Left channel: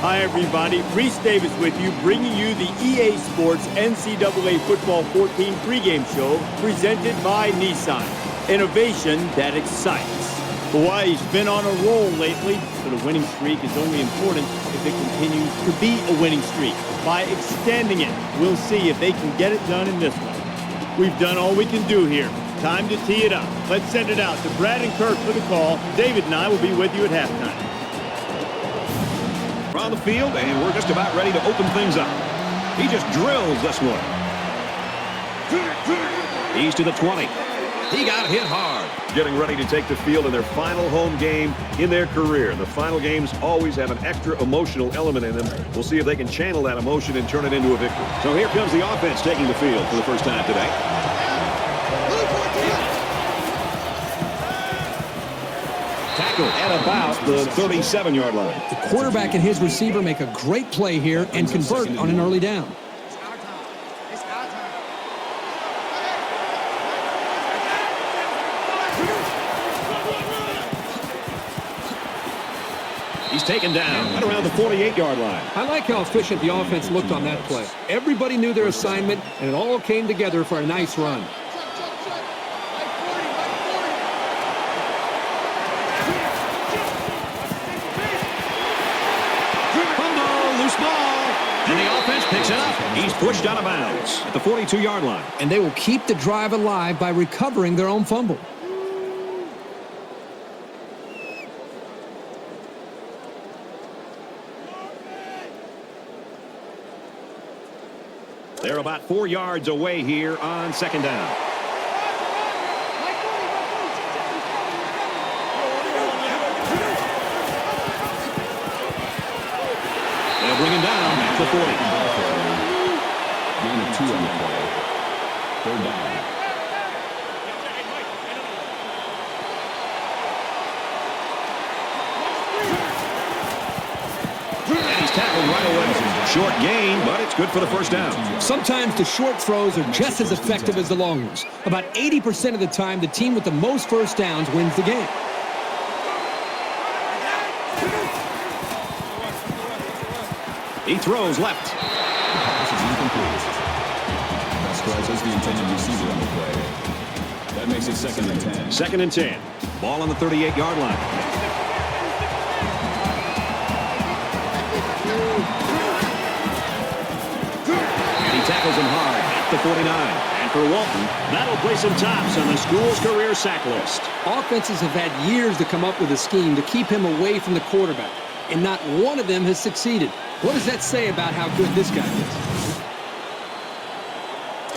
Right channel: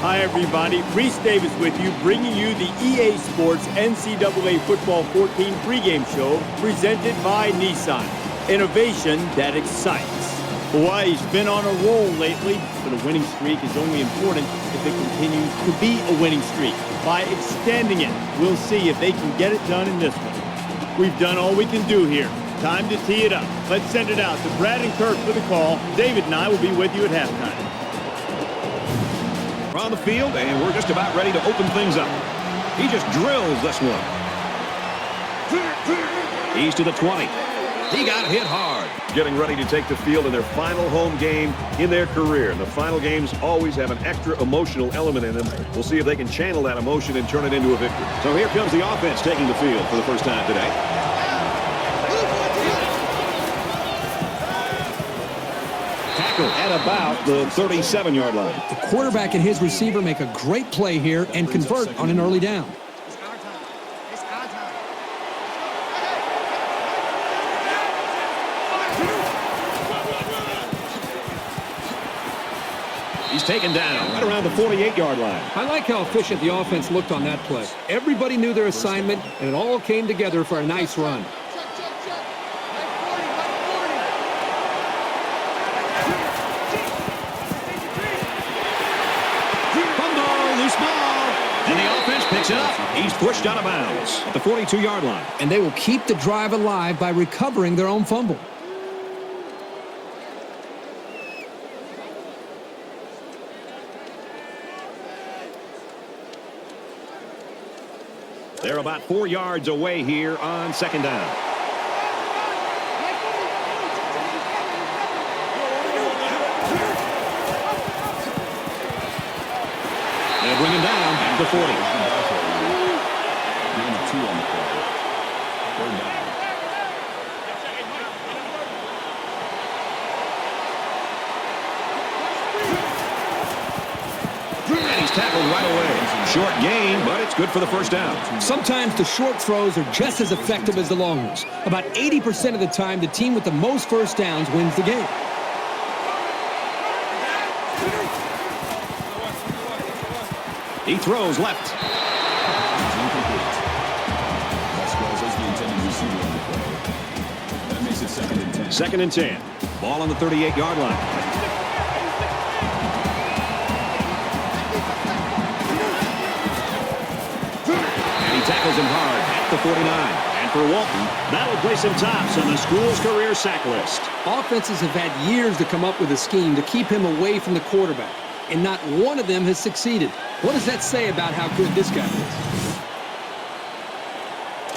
Hi, everybody. Reese Davis with you, bringing you the EA Sports NCAA Football 14 pregame show presented by Nissan. Innovation that excites. Hawaii's been on a roll lately, but a winning streak is only important if it continues to be a winning streak. By extending it, we'll see if they can get it done in this one. We've done all we can do here. Time to tee it up. Let's send it out to Brad and Kirk for the call. David and I will be with you at halftime. We're on the field, and we're just about ready to open things up. He just drills this one. He's to the 20. He got hit hard. Getting ready to take the field in their final home game in their career. The final games always have an extra emotional element in them. We'll see if they can channel that emotion and turn it into a victory. So here comes the offense taking the field for the first time today. At about the 37-yard line. Quarterback and his receiver make a great play here and convert on an early down. He's taken down right around the 48-yard line. I like how efficient the offense looked on that play. Everybody knew their assignment, and it all came together for a nice run. He's pushed out of bounds at the 42-yard line. And they will keep the drive alive by recovering their own fumble. They're about 4 yards away here on second down. They'll bring him down at the 20. He's tackled right away. Short gain, but it's good for the first down. Sometimes the short throws are just as effective as the long ones. About 80% of the time, the team with the most first downs wins the game. He throws left. Second and 10. Ball on the 38-yard line. And he tackles him hard at the 49. For Walton, that'll place him tops on the school's career sack list. Offenses have had years to come up with a scheme to keep him away from the quarterback, and not one of them has succeeded. What does that say about how good this guy is?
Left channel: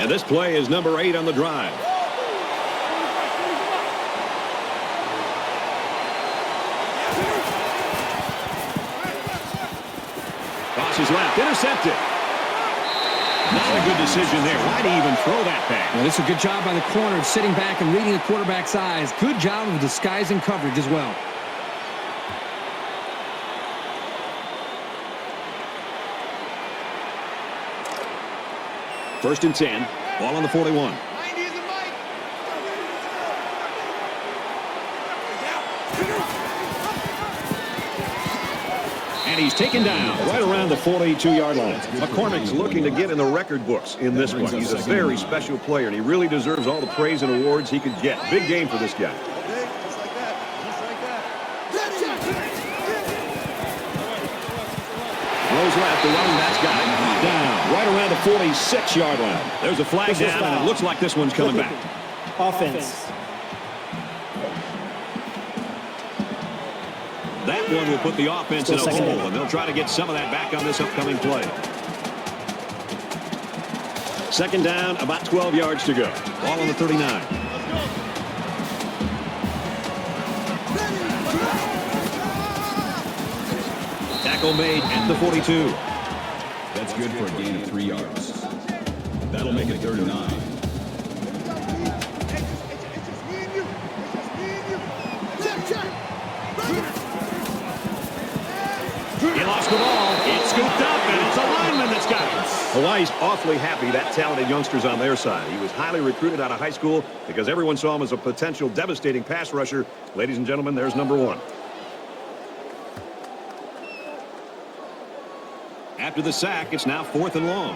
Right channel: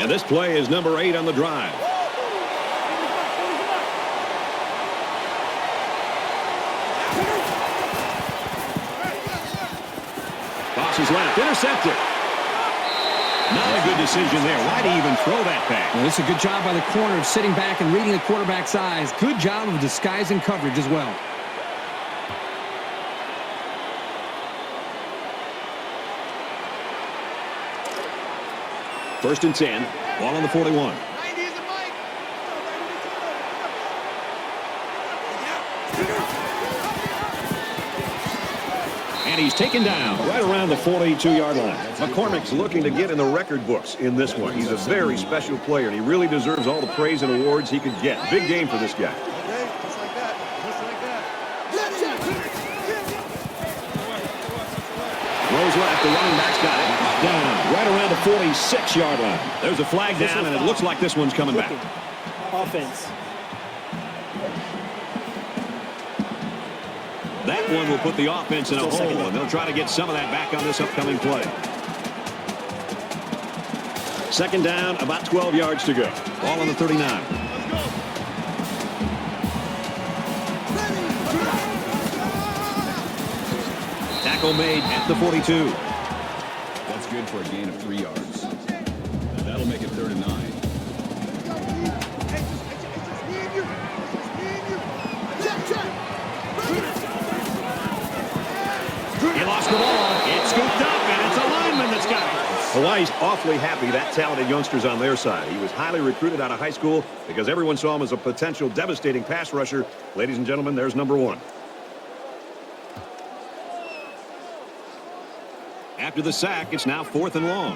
And this play is number 8 on the drive. Intercepted. Not a good decision there. Why did he even throw that back? Well, this is a good job by the corner, sitting back and reading the quarterback's eyes. Good job of disguising coverage as well. First and 10. Ball on the 41. And he's taken down right around the 42-yard line. McCormick's looking to get in the record books in this one. He's a very special player. He really deserves all the praise and awards he can get. Big game for this guy. Nose left, the running back's got it. Down right around the 46-yard line. There's a flag down, and it looks like this one's coming back. Offense. That one will put the offense in a hole, and they'll try to get some of that back on this upcoming play. Second down, about 12 yards to go. Ball on the 39. Tackle made at the 42. That's good for a gain of 3 yards. That'll make it 39. It's scooped up, and it's a lineman that's got it. Hawaii's awfully happy to have talented youngsters on their side. He was highly recruited out of high school because everyone saw him as a potential devastating pass rusher. Ladies and gentlemen, there's number 1. After the sack, it's now 4th and long.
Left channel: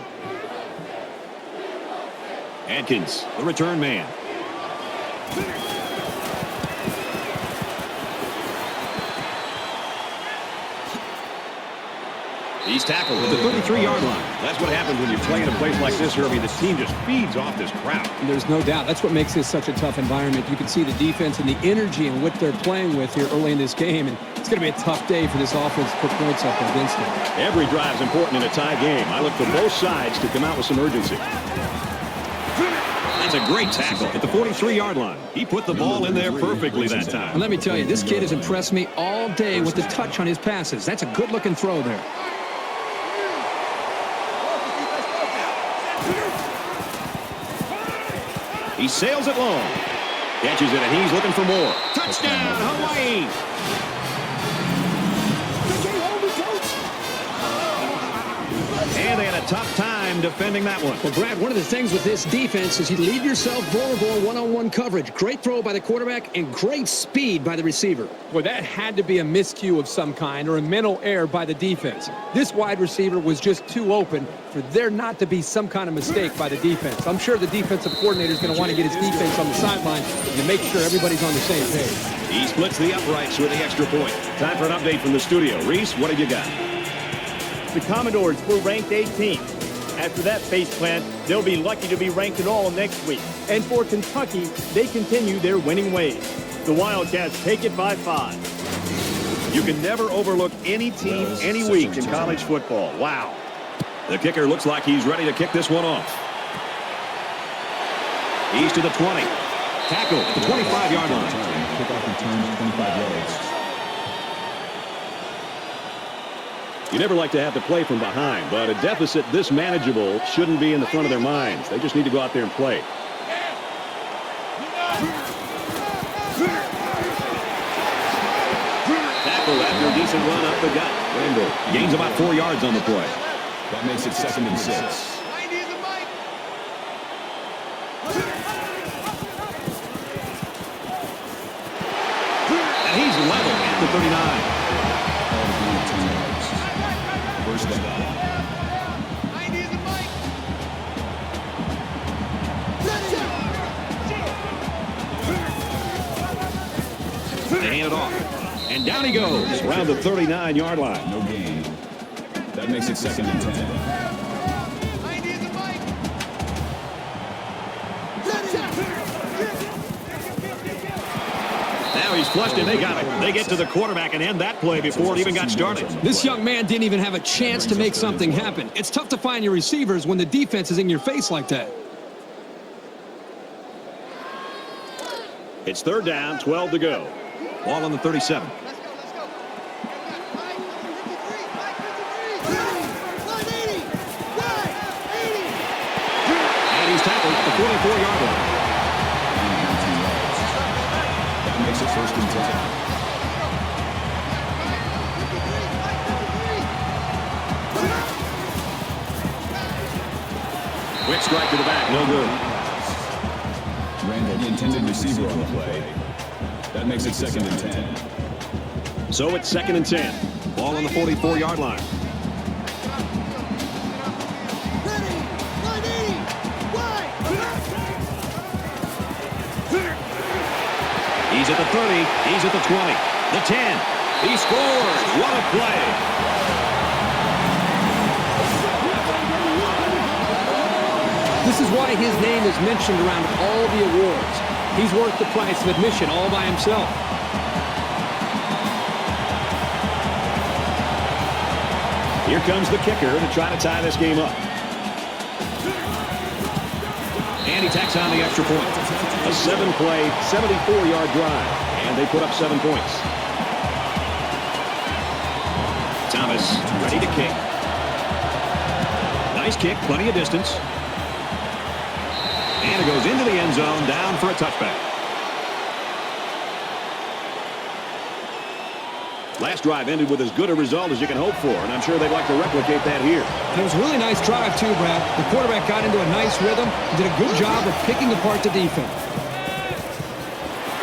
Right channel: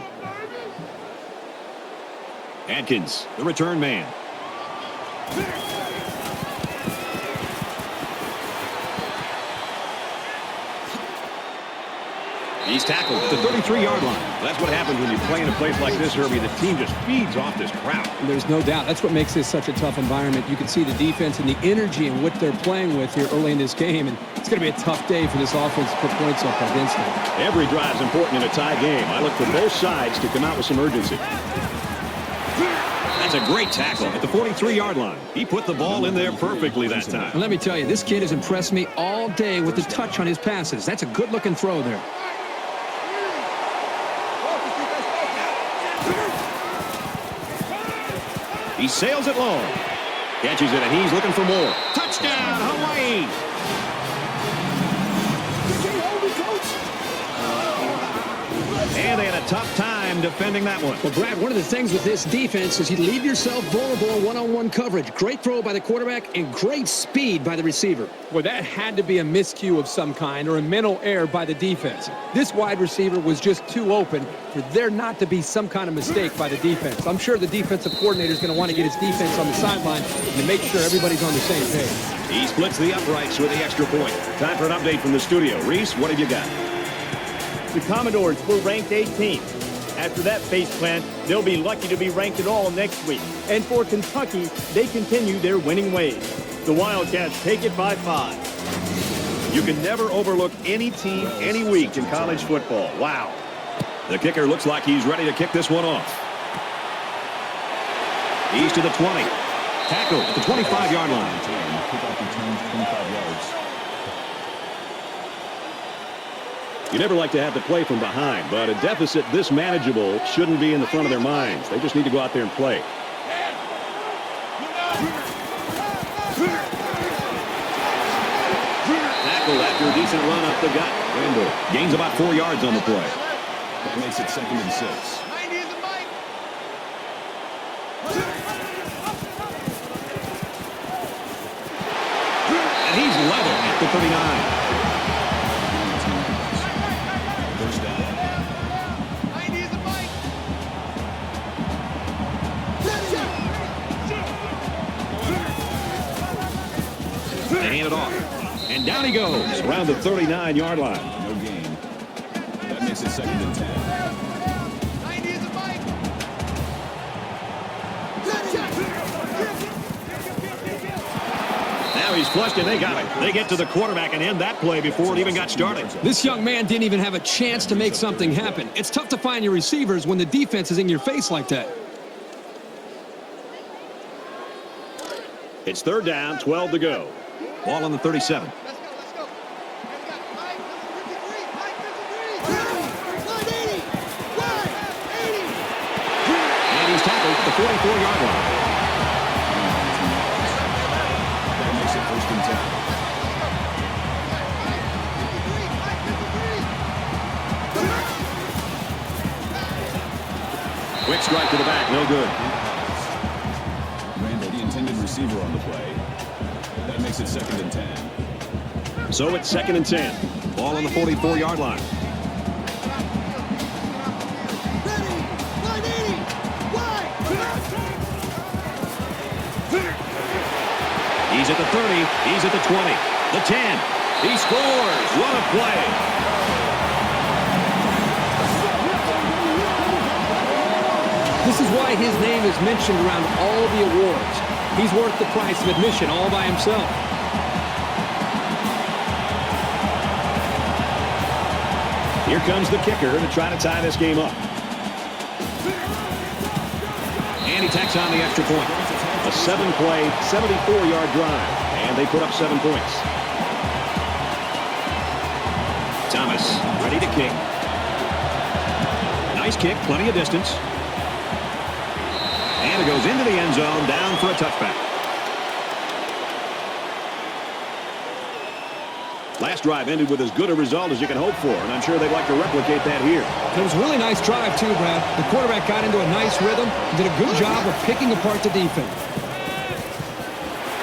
Atkins, the return man. He's tackled at the 33-yard line. That's what happens when you play in a place like this early. This team just feeds off this crowd. There's no doubt. That's what makes this such a tough environment. You can see the defense and the energy and what they're playing with here early in this game. And it's going to be a tough day for this offense to put points up against them. Every drive's important in a tie game. I look for both sides to come out with some urgency. That's a great tackle at the 43-yard line. He put the ball in there perfectly that time. And let me tell you, this kid has impressed me all day with the touch on his passes. That's a good-looking throw there. He sails it home. Catches it, and he's looking for more. Touchdown, Hawaii! And they had a tough time defending that one. Well, Brad, one of the things with this defense is you leave yourself vulnerable in one-on-one coverage. Great throw by the quarterback and great speed by the receiver. Well, that had to be a miscue of some kind or a mental error by the defense. This wide receiver was just too open for there not to be some kind of mistake by the defense. I'm sure the defensive coordinator is going to want to get his defense on the sideline and make sure everybody's on the same page. He splits the uprights with the extra point. Time for an update from the studio. Reese, what have you got? The Commodores were ranked 18th. After that face plant, they'll be lucky to be ranked at all next week. And for Kentucky, they continue their winning ways. The Wildcats take it by 5. You can never overlook any team, any week in college football. Wow. The kicker looks like he's ready to kick this one off. He's to the 20. Tackle at the 25-yard line. You never like to have to play from behind, but a deficit this manageable shouldn't be in the front of their minds. They just need to go out there and play. Tackle that decent run up the gut. Gains about 4 yards on the play. That makes it 2nd and 6. And he's level at the 39. Hand it off. And down he goes around the 39-yard line. That makes it 2nd and 10. Now he's flushed it. They got it. They get to the quarterback and end that play before it even got started. This young man didn't even have a chance to make something happen. It's tough to find your receivers when the defense is in your face like that. It's 3rd down, 12 to go. Ball on the 37. And he's tackled at the 44-yard line. Quick strike to the back, no good. Ran the intended receiver play. That makes it 2nd and 10. So it's 2nd and 10. Ball on the 44-yard line. He's at the 30. He's at the 20. The 10. He scores. What a play. This is why his name is mentioned around all the awards. He's worth the price of admission all by himself. Here comes the kicker to try to tie this game up. And he tacks on the extra point. A 7-play, 74-yard drive. And they put up 7 points. Thomas, ready to kick. Nice kick, plenty of distance. And it goes into the end zone, down for a touchback. Last drive ended with as good a result as you can hope for, and I'm sure they'd like to replicate that here. It was a really nice drive, too, Brad. The quarterback got into a nice rhythm and did a good job of picking apart the defense.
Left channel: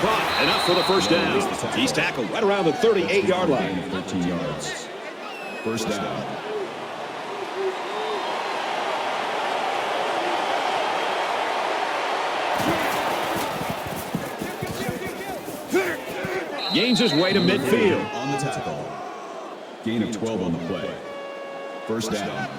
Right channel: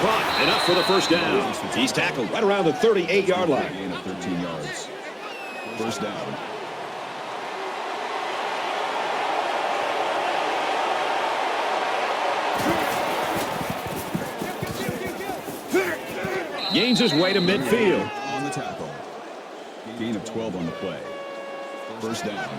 Caught, enough for the first down. He's tackled right around the 38-yard line. Gain of 2 yards. 1st down. Gains his way to midfield. On the tackle. Gain of 12 on the play. First down.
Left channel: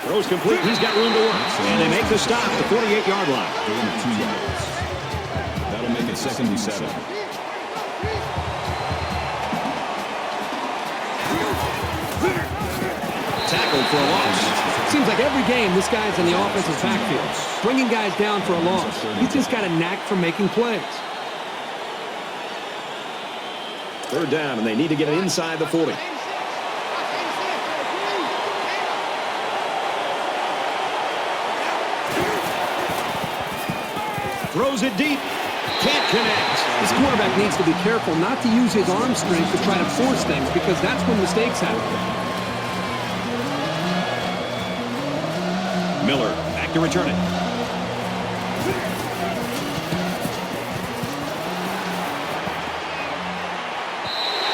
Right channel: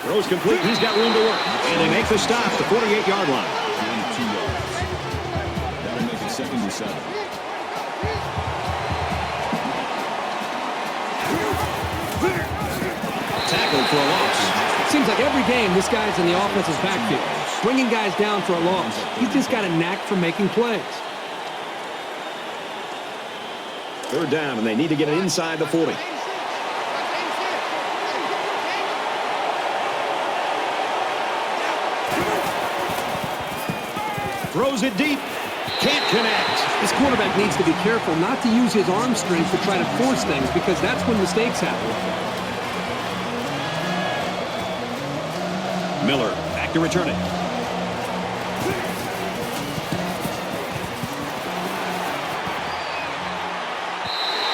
Throws complete. He's got room to work. And he makes a stop at the 48-yard line. That'll make it 77. Tackled for a loss. Seems like every game this guy's in the offensive backfield, bringing guys down for a loss. He's just got a knack for making plays. Third down, and they need to get inside the 40. Throws it deep. Can't connect. This quarterback needs to be careful not to use his arm strength to try to force things, because that's when mistakes happen. Miller back to return it.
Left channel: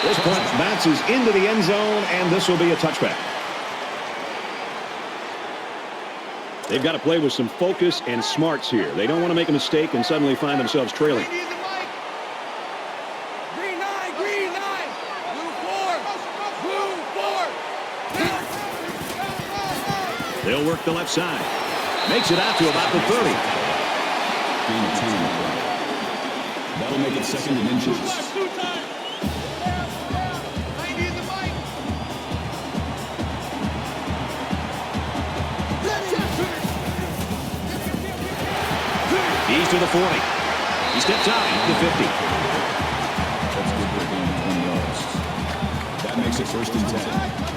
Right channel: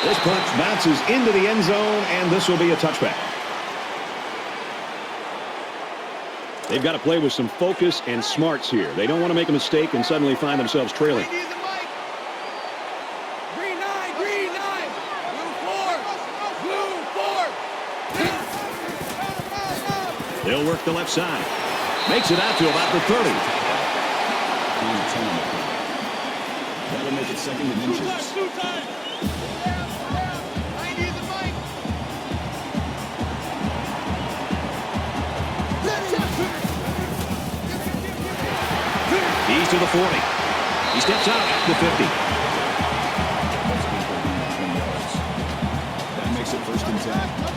This punt bounces into the end zone, and this will be a touchback. They've got to play with some focus and smarts here. They don't want to make a mistake and suddenly find themselves trailing. Green line. Blue 4. They'll work the left side. Makes it out to about the 30. That'll make it 7 inches. He's to the 40. He steps out at the 50. That makes it first and 10.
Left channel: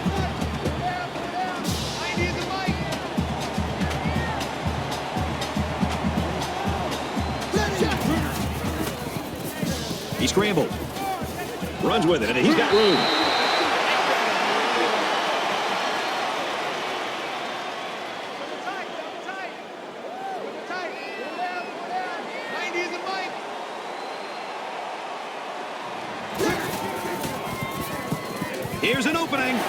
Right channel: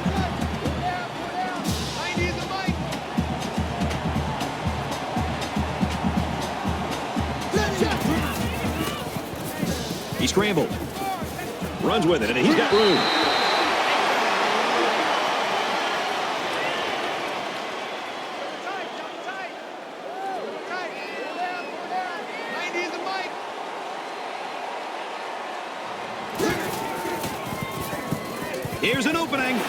He scrambled. Runs with it, and he's got room. Here's an opening.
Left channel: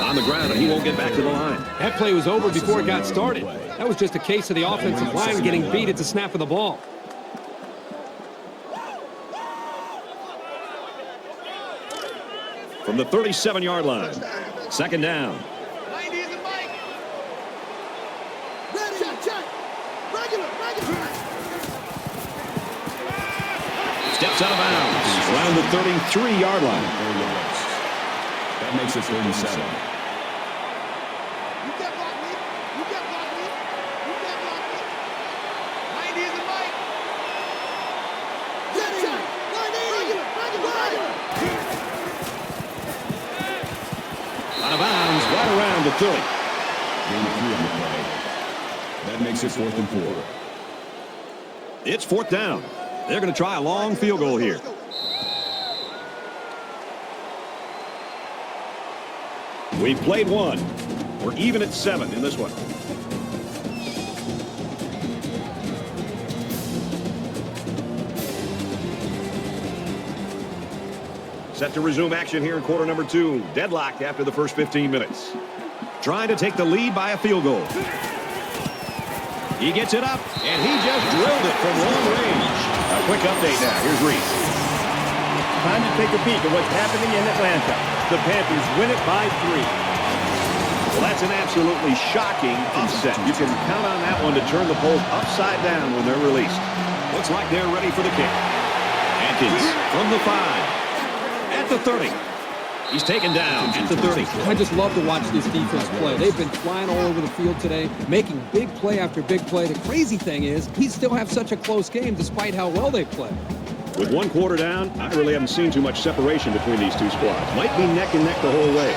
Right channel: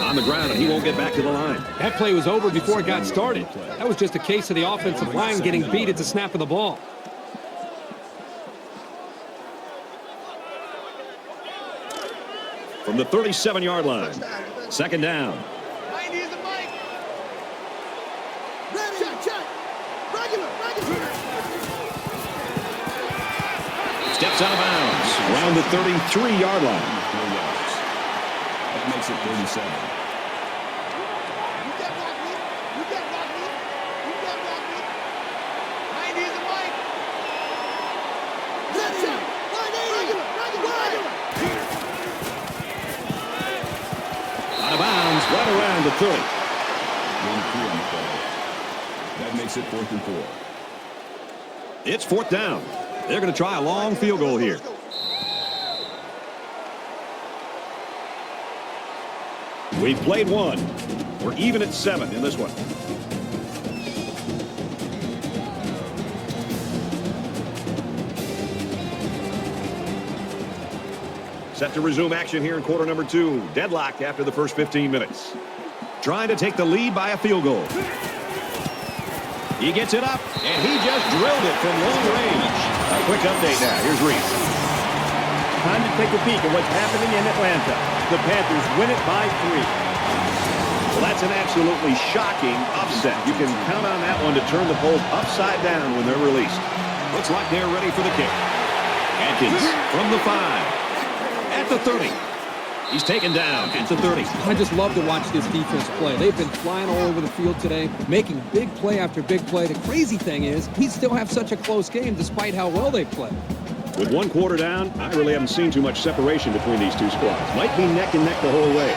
On the ground, and he won't get back to the line. That play was over before it got started. That was just a case of the offensive line getting beat at the snap of the ball. From the 37-yard line. Second down. Steps out of bounds. Around the 33-yard line. That makes it 47. Out of bounds. Right around the 30. That makes it 4th and 4. It's fourth down. They're going to try a long field goal here. We've played one. We're even at 7 in this one. Set to resume action here in quarter number 2. Deadlocked after the first 15 minutes. Trying to take the lead by a field goal. He gets it up, and he just drilled it from long range. A quick update now. Here's Reese. Time to take a peek at what's happening in Atlanta. The Panthers win it by 3. Well, that's an absolutely shocking upset. You can count on that one to turn the polls upside down when they're released. Looks like they're ready for the kick. Panthers from the 5. At the 30. He's taken down at the 30. I just love to watch this defense play. They've been flying all over the field today, making big play after big play. The crazy thing is, he still have such a close game despite how well they play. With one quarter down, I really haven't seen too much separation between these two squads. Might be neck and neck the whole way.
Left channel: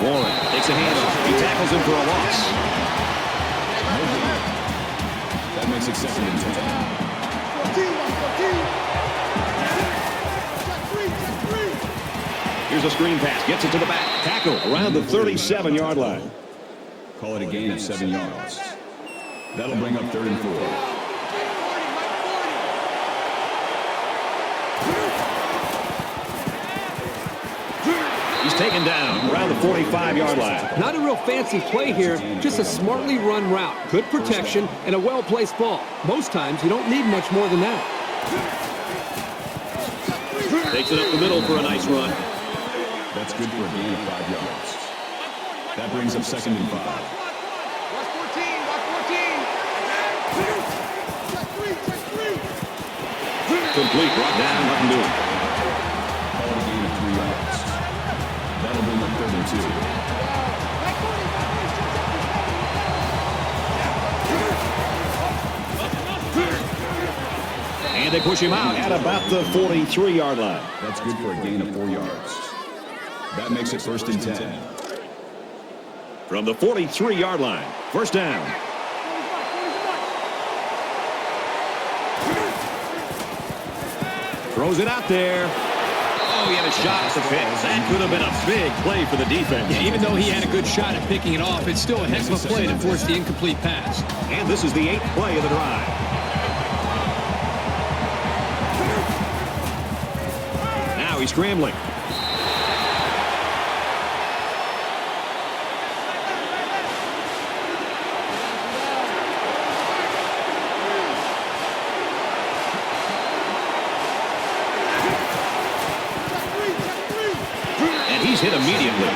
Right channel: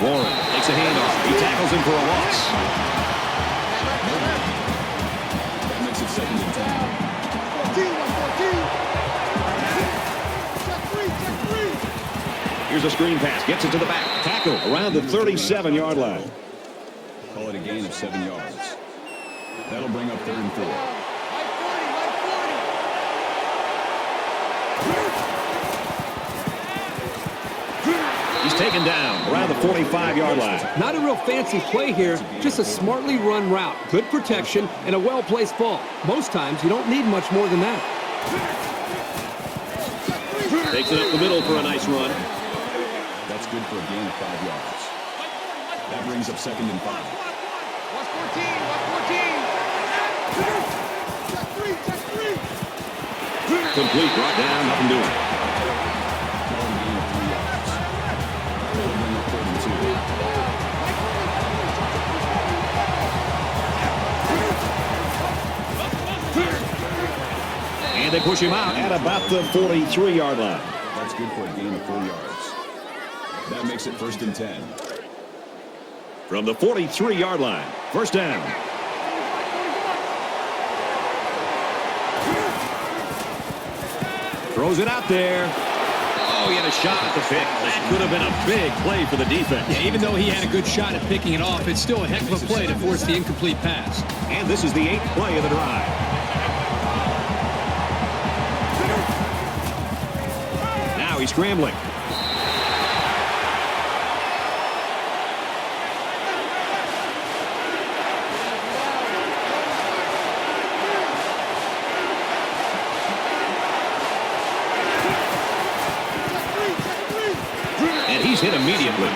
Warren takes a hit. He tackles him for a loss. That makes it 16 to 10. screen pass. Gets it to the back. Tackle around the 37-yard line. Call it a gain of 7 yards. That'll bring up 3rd and 4. He's taken down around the 45-yard line. Not a real fancy play here, just a smartly run route. Good protection and a well-placed ball. Most times, you don't need much more than that. Takes it up the middle for a nice run. That's good for a gain of 5 yards. That brings him 2nd and 5. Complete right down the middle. And they push him out at about the 43-yard line. That's good for a gain of 4 yards. That makes it 1st and 10. From the 43-yard line, 1st down. Throws it out there. Oh, he had a shot at the pit. That could have been a big play for the defense. Yeah, even though he had a good shot at picking it off, it's still a heck of a play to force the incomplete pass. And this is the 8th play of the drive. Now he's scrambling. And he's hit immediately.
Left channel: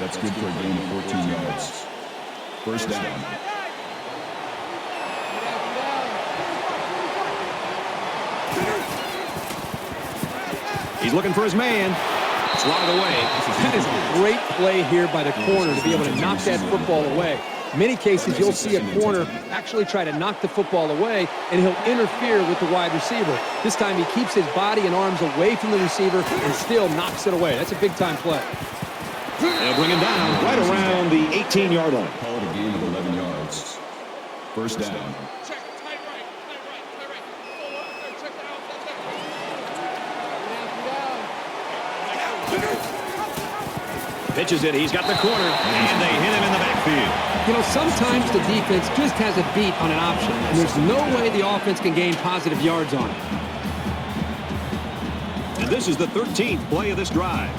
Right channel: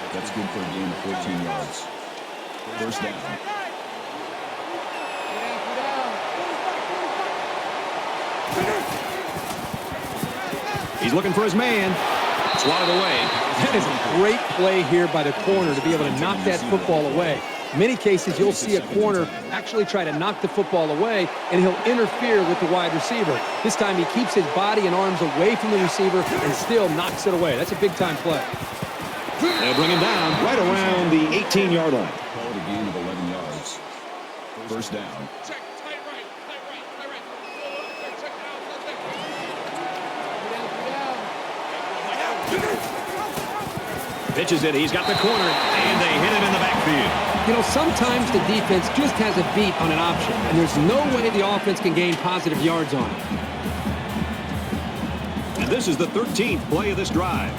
That's good for a gain of 14 yards. 1st down. He's looking for his man. Swatted away. That is a great play here by the corner to be able to knock that football away. In many cases, you'll see a corner actually try to knock the football away, and he'll interfere with the wide receiver. This time he keeps his body and arms away from the receiver and still knocks it away. That's a big-time play. They'll bring him down right around the 18-yard line. Call it a gain of 11 yards. 1st down. Pitches it. He's got the corner. And they hit him in the backfield. You know, sometimes the defense just has a beat on an option, and there's no way the offense can gain positive yards on it. And this is the 13th play of this drive.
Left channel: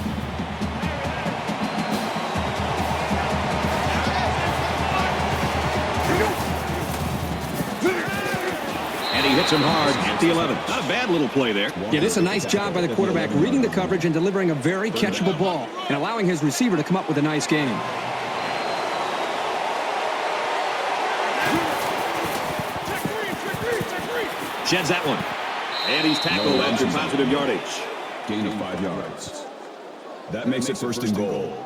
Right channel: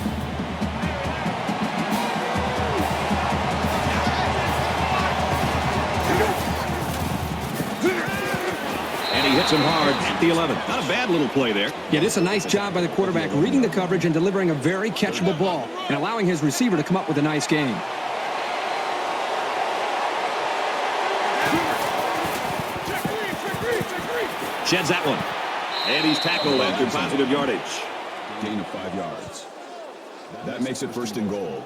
And he hits him hard at the 11. Not a bad little play there. Yeah, this is a nice job by the quarterback reading the coverage and delivering a very catchable ball and allowing his receiver to come up with a nice game. Sheds that one. And he's tackled after positive yardage. Gain of 5 yards. That makes it 1st and goal.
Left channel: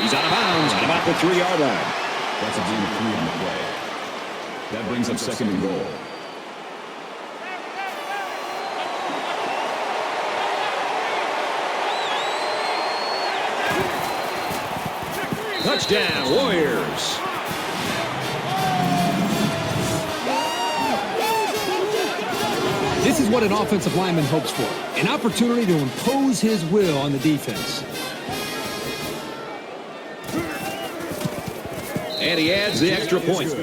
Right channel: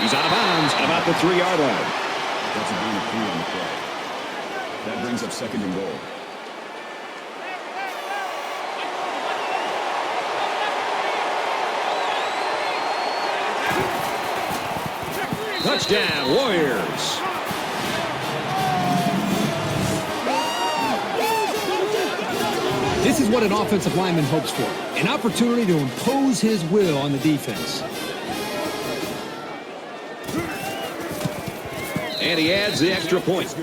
He's out of bounds at about the 3-yard line. That's a good move. That brings up 2nd and goal. Touchdown, Warriors. This is what an offensive lineman hopes for, an opportunity to impose his will on the defense. And he adds the extra points.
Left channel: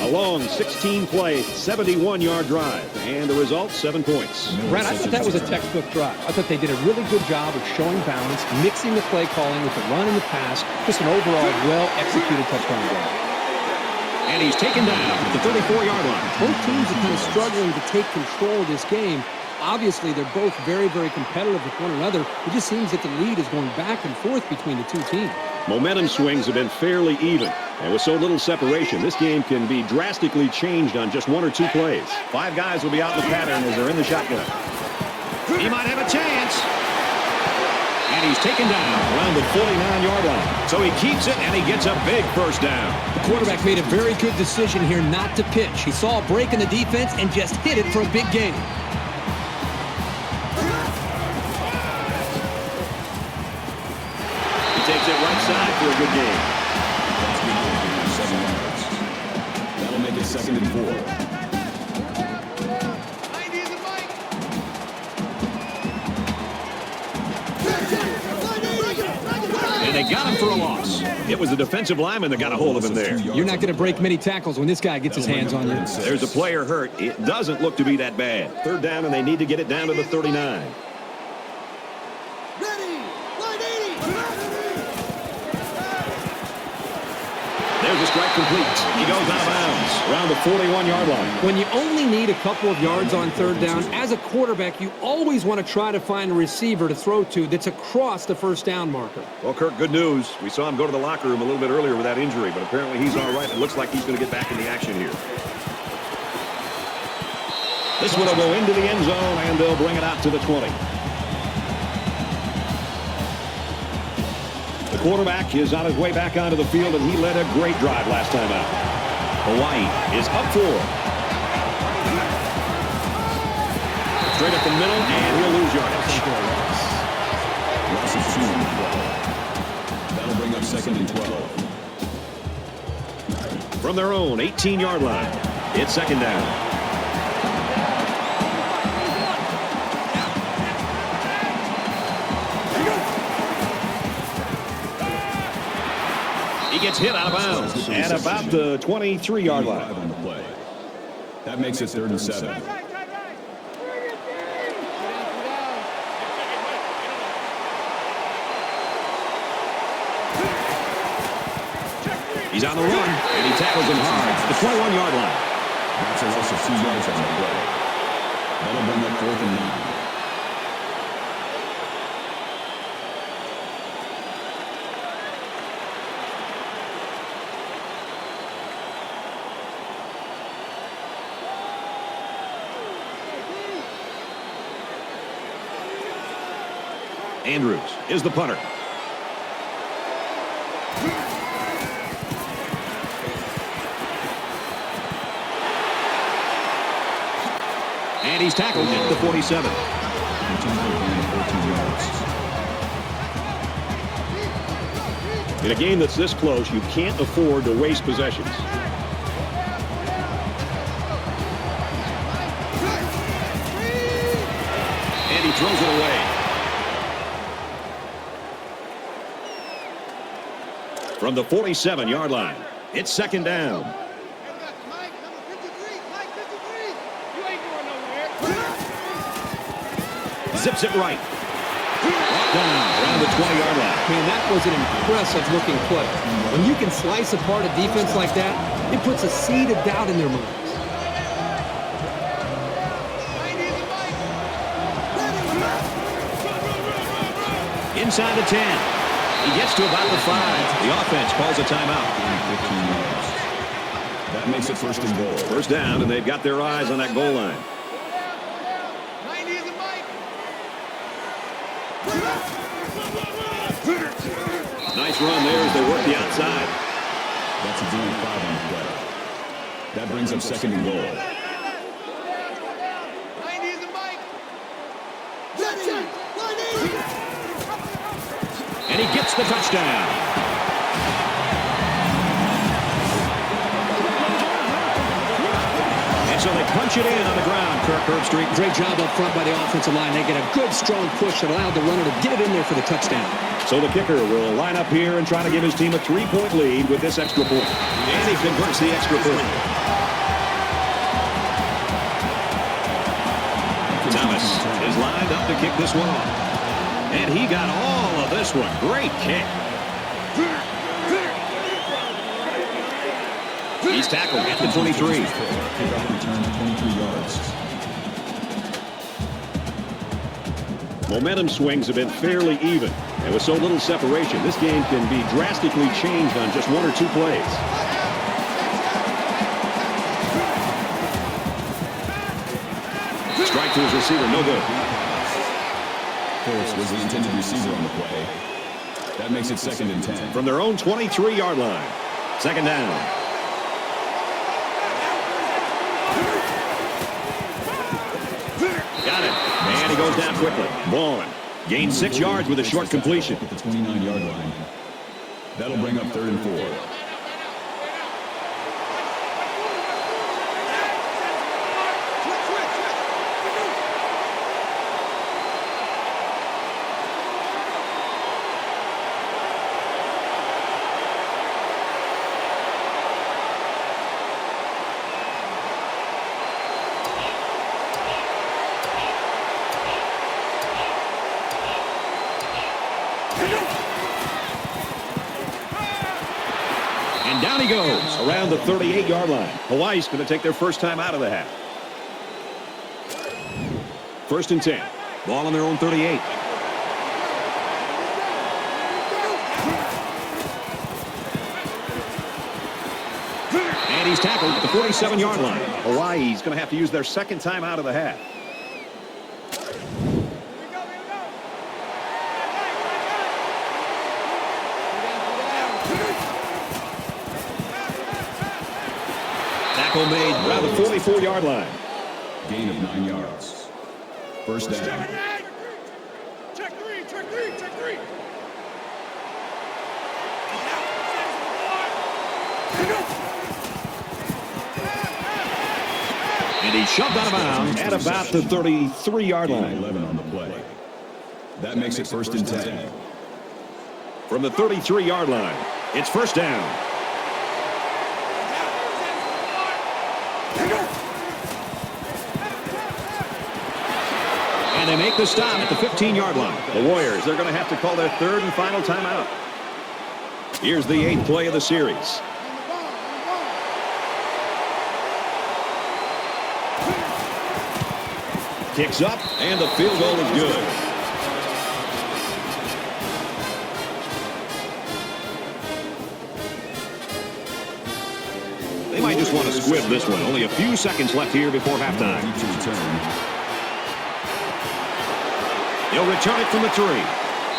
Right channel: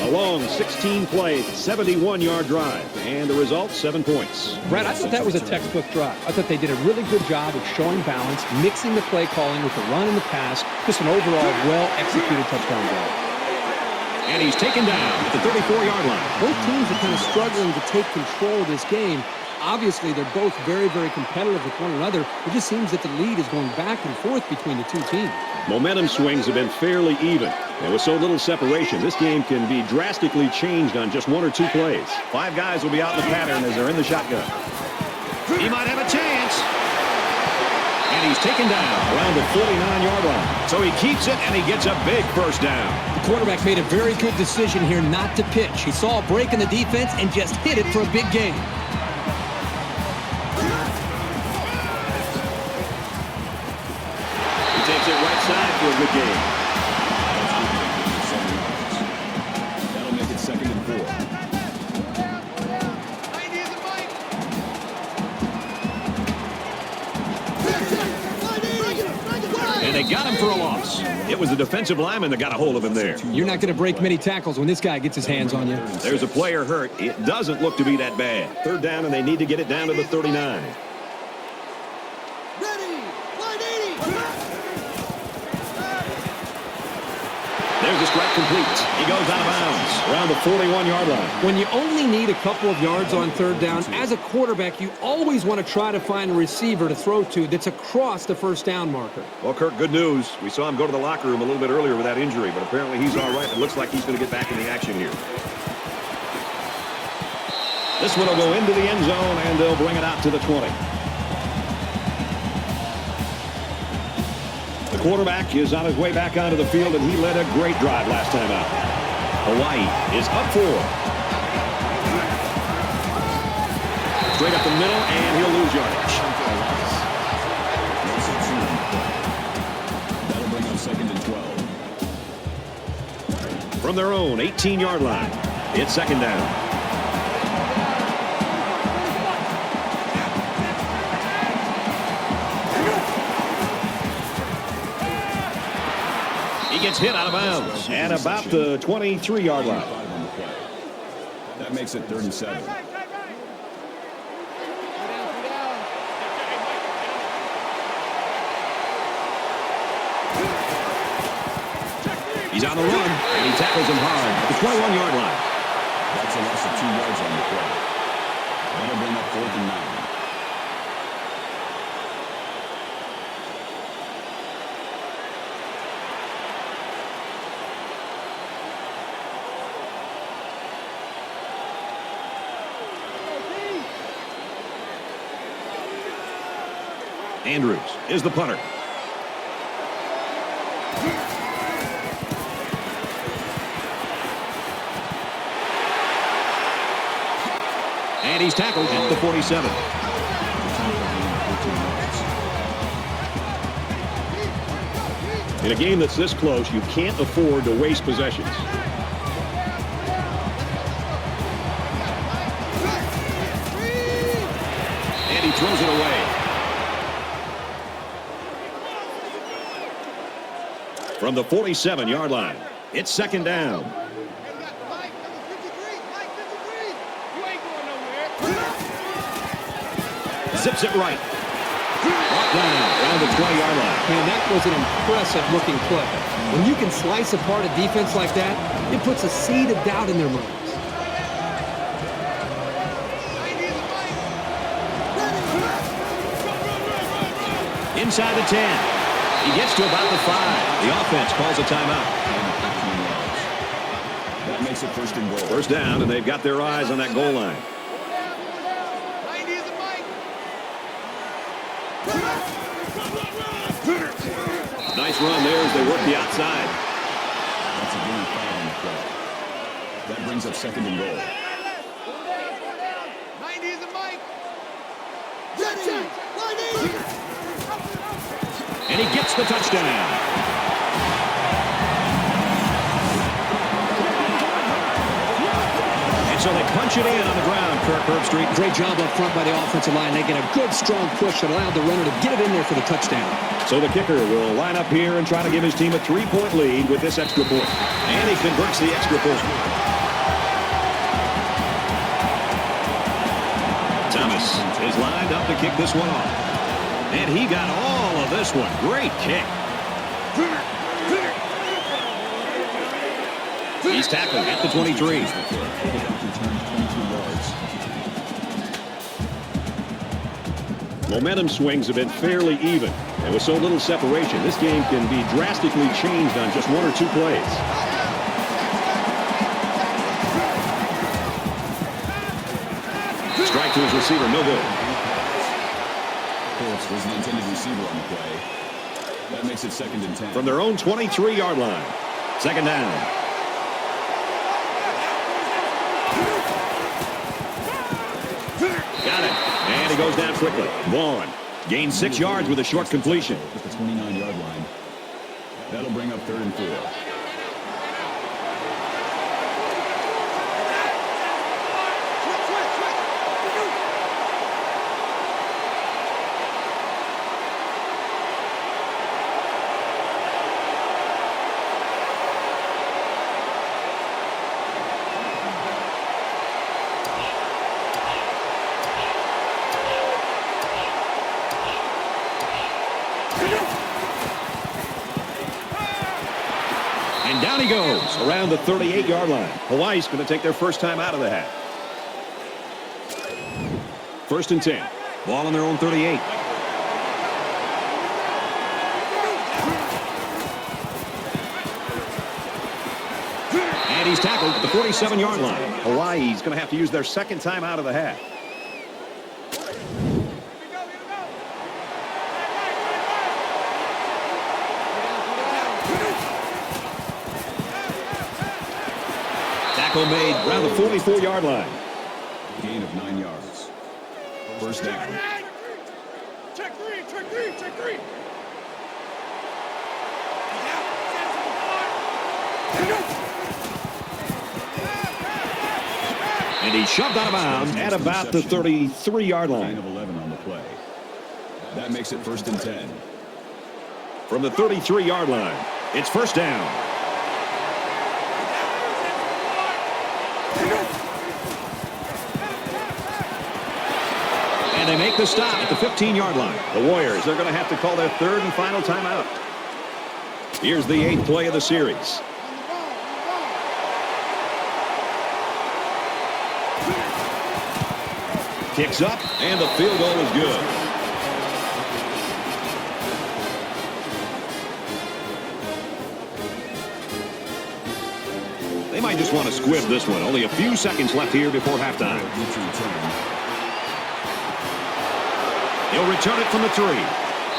A long 16-play, 71-yard drive. And the result, 7 points. Right, I thought that was a textbook drive. I thought they did a really good job of showing balance, mixing the play calling with the run and the pass. Just an overall well-executed touchdown play. And he's taken down at the 34-yard line. Both teams are just struggling to take control of this game. Obviously, they're both very, very competitive with one another. It just seems that the lead is going back and forth between the two teams. Momentum swings have been fairly even. And with so little separation, this game can be drastically changed on just 1 or 2 plays. 5 guys will be out in the pattern as they're in the shotgun. He might have a chance. And he's taken down around the 49-yard line. So he keeps it, and he gets a big first down. The quarterback made a very good decision here not to pitch. He saw a break in the defense and just hit it for a big gain. He takes it right side for a good gain. got him for a loss. It was the defensive lineman that got a hold of him there. You're not going to break many tackles when this guy gets his hands on you. There's a player hurt. It doesn't look to be that bad. Third down, and they need to get it down to the 39. There's a strike complete. He goes out of bounds around the 41-yard line. When you only need a couple of yards on third down, as a quarterback, you always want to try to find a receiver to throw to that's across the first down marker. Well, Kirk, good news. We saw him go to the locker room a little bit earlier with that injury, but apparently he's all right. It looks like he's going to get back in the action here. This one will go into the end zone, and they'll bring it out to the 20. The quarterback is on his way back onto the field, and he led a great drive last time out. Hawaii is up for it. Straight up the middle, and he'll lose yardage. From their own 18-yard line, it's second down. Gets hit out of bounds and about the 23-yard line. That makes it 3rd and 7. He's on the run, and he tackles him hard to the 21-yard line. That's a loss of 2 yards. That'll bring up 4th and 9. Andrews is the punter. And he's tackled at the 47. In a game that's this close, you can't afford to waste possessions. And he throws it away. From the 47-yard line, it's second down. Zips it right. Down the 20-yard line. I mean, that was an impressive-looking play. When you can slice apart a defense like that, it puts a seed of doubt in their minds. Inside the 10. He gets to about the 5. The offense calls a timeout. That makes it 1st and goal. First down, and they've got their eyes on that goal line. Nice run there as they work the outside. That's a deep ball. That brings up 2nd and goal. And he gets the touchdown. And so they punch it in on the ground. Kirk Street. Great job up front by the offensive line. They get a good, strong push and allow the runner to get it in there for the touchdown. So the kicker will line up here and try to give his team a 3-point lead with this extra point. And he converts the extra point. Thomas is lined up to kick this one off. And he got all of this one. Great kick. He's tackled at the 23. Momentum swings have been fairly even. And with so little separation, this game can be drastically changed on just 1 or 2 plays. Strike to his receiver, no good. That makes it 2nd and 10. From their own 23-yard line. Second down. Got it. And he goes down quickly. Vaughn gains 6 yards with a short completion. That'll bring up 3rd and 4. And down he goes around the 38-yard line. Hawaii's going to take their first time out of the half. 1st and 10. Ball on their own 38. And he's tackled at the 47-yard line. Hawaii's going to have to use their second time out of the half. Tackle made around the 44-yard line. Gain of 9 yards. First down. Check three. And he's shoved out of bounds at about the 33-yard line. 11 on the play. That makes it first and 10. From the 33-yard line, it's first down. And they make the stop at the 15-yard line. The Warriors, they're going to have to call their third and final timeout. Here's the 8th play of the series. Kicks up, and the field goal is good. They might just want to squish this one. Only a few seconds left here before halftime. He'll return it from the 3.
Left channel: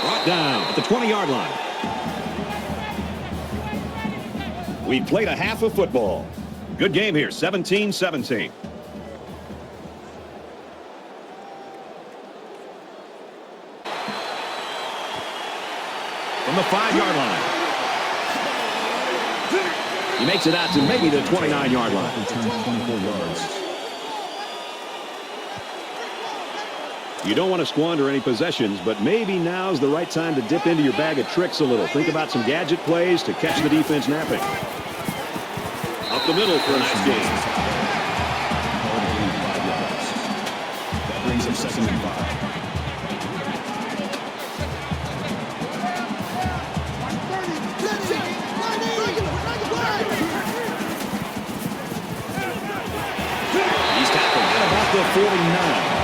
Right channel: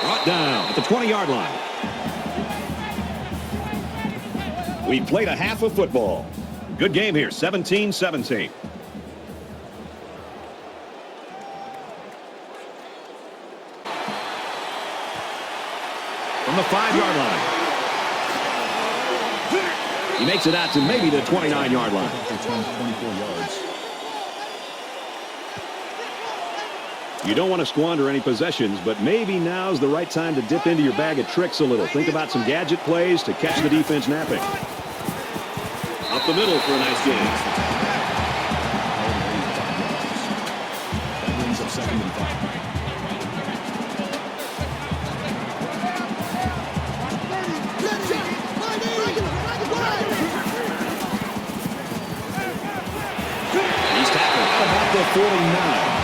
Brought down at the 20-yard line. We played a half of football. Good game here, 17-17. From the 5-yard line. He makes it out to maybe the 29-yard line. You don't want to squander any possessions, but maybe now's the right time to dip into your bag of tricks a little. Think about some gadget plays to catch the defense napping. Up the middle for a nice game. That brings him to 75. He's tackled at about the 49.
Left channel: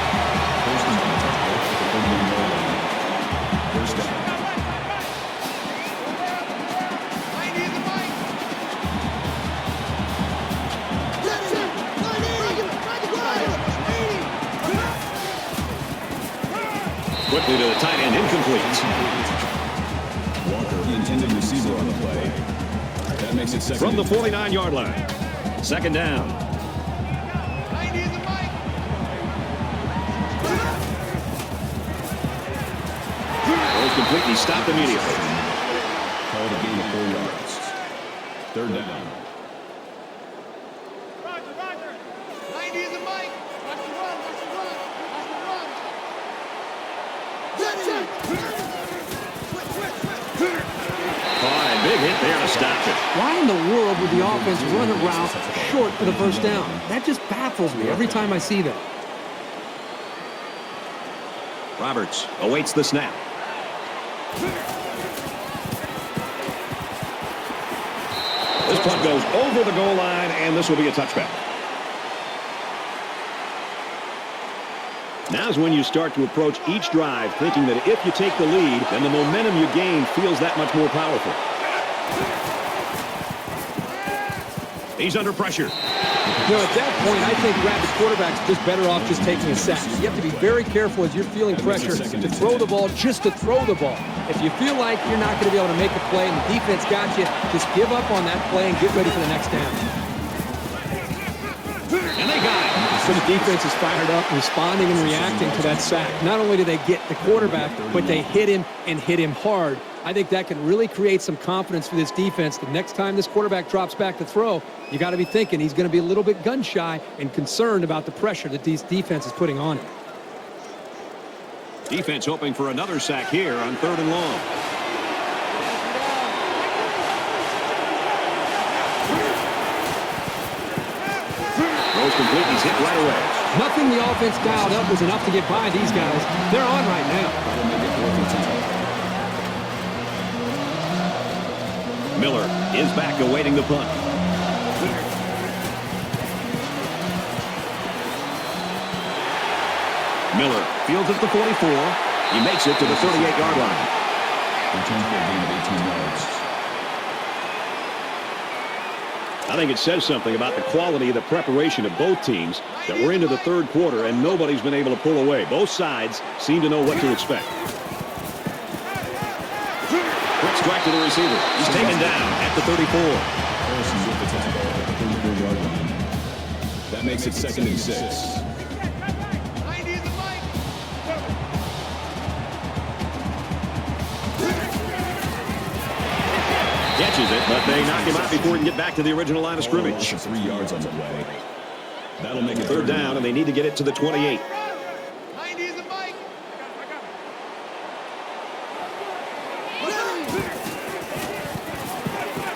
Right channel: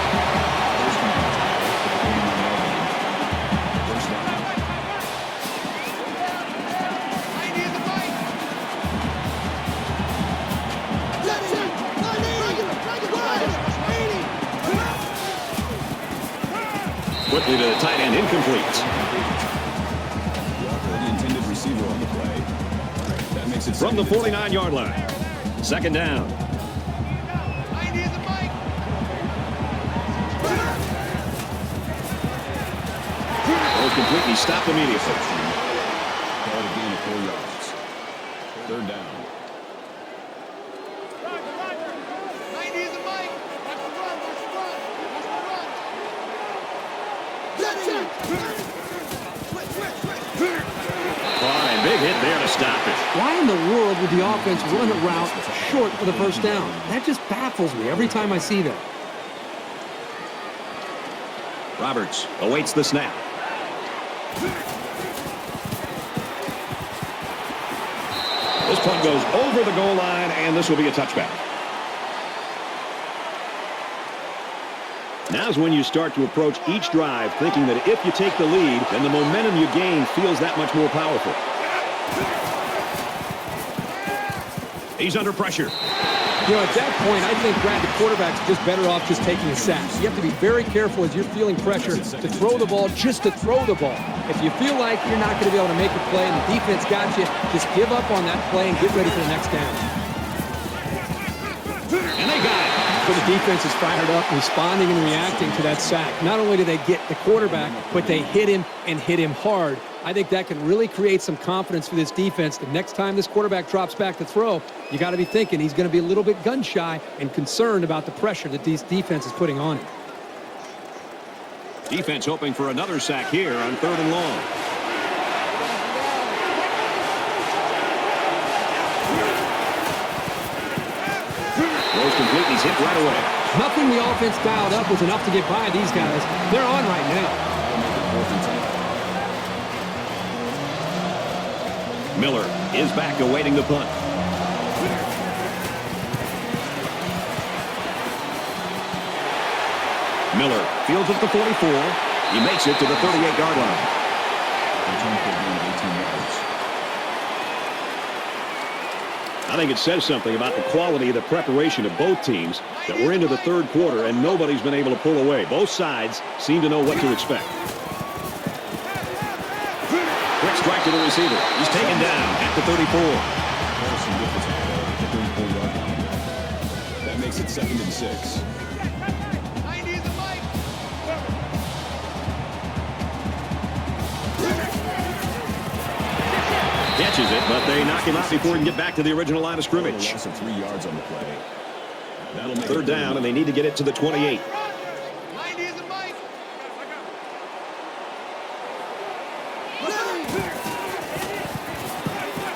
To the tight end, incomplete. From the 49-yard line. Second down. Completely stopped immediately. Third and down. There to stop it. Why in the world would the offense run a route short for the first down? That just baffles me every time I see that. Roberts awaits the snap. This punt goes over the goal line, and this will be a touchback. Now's when you start to approach each drive thinking that if you take the lead, then the momentum you gain feels that much more powerful. He's under pressure. Well, at that point, I think Brad, the quarterback's just better off just taking a sack. You have to be very careful as you're feeling pressure to throw the ball just to throw the ball. If you feel like you're not going to be able to make a play and the defense got you, just give up on that play and get ready for the next down. Some defense is fired up, responding and reacting to that sack. Not only do they get the quarterback, but they hit him and hit him hard. I think that can really create some confidence for this defense. The next time this quarterback drops back to throw, you got to be thinking he's going to be a little bit gun-shy and concerned about the pressure that this defense is putting on him. Defense hoping for another sack here on 3rd and long. Those complete, he's hit right away. Nothing the offense dialed up was enough to get by these guys. They're on right now. goes back, awaiting the punt. Miller fields at the 44. He makes it to the 38-yard line. I think it says something about the quality and the preparation of both teams that we're into the third quarter and nobody's been able to pull away. Both sides seem to know what to expect. Quick strike to the receiver. It's taken down at the 34. That makes it 2nd and 6. Catches it, but they knock him out before he can get back to the original line of scrimmage. 3 yards on the play. That'll make it Third down, and they need to get it to the 28.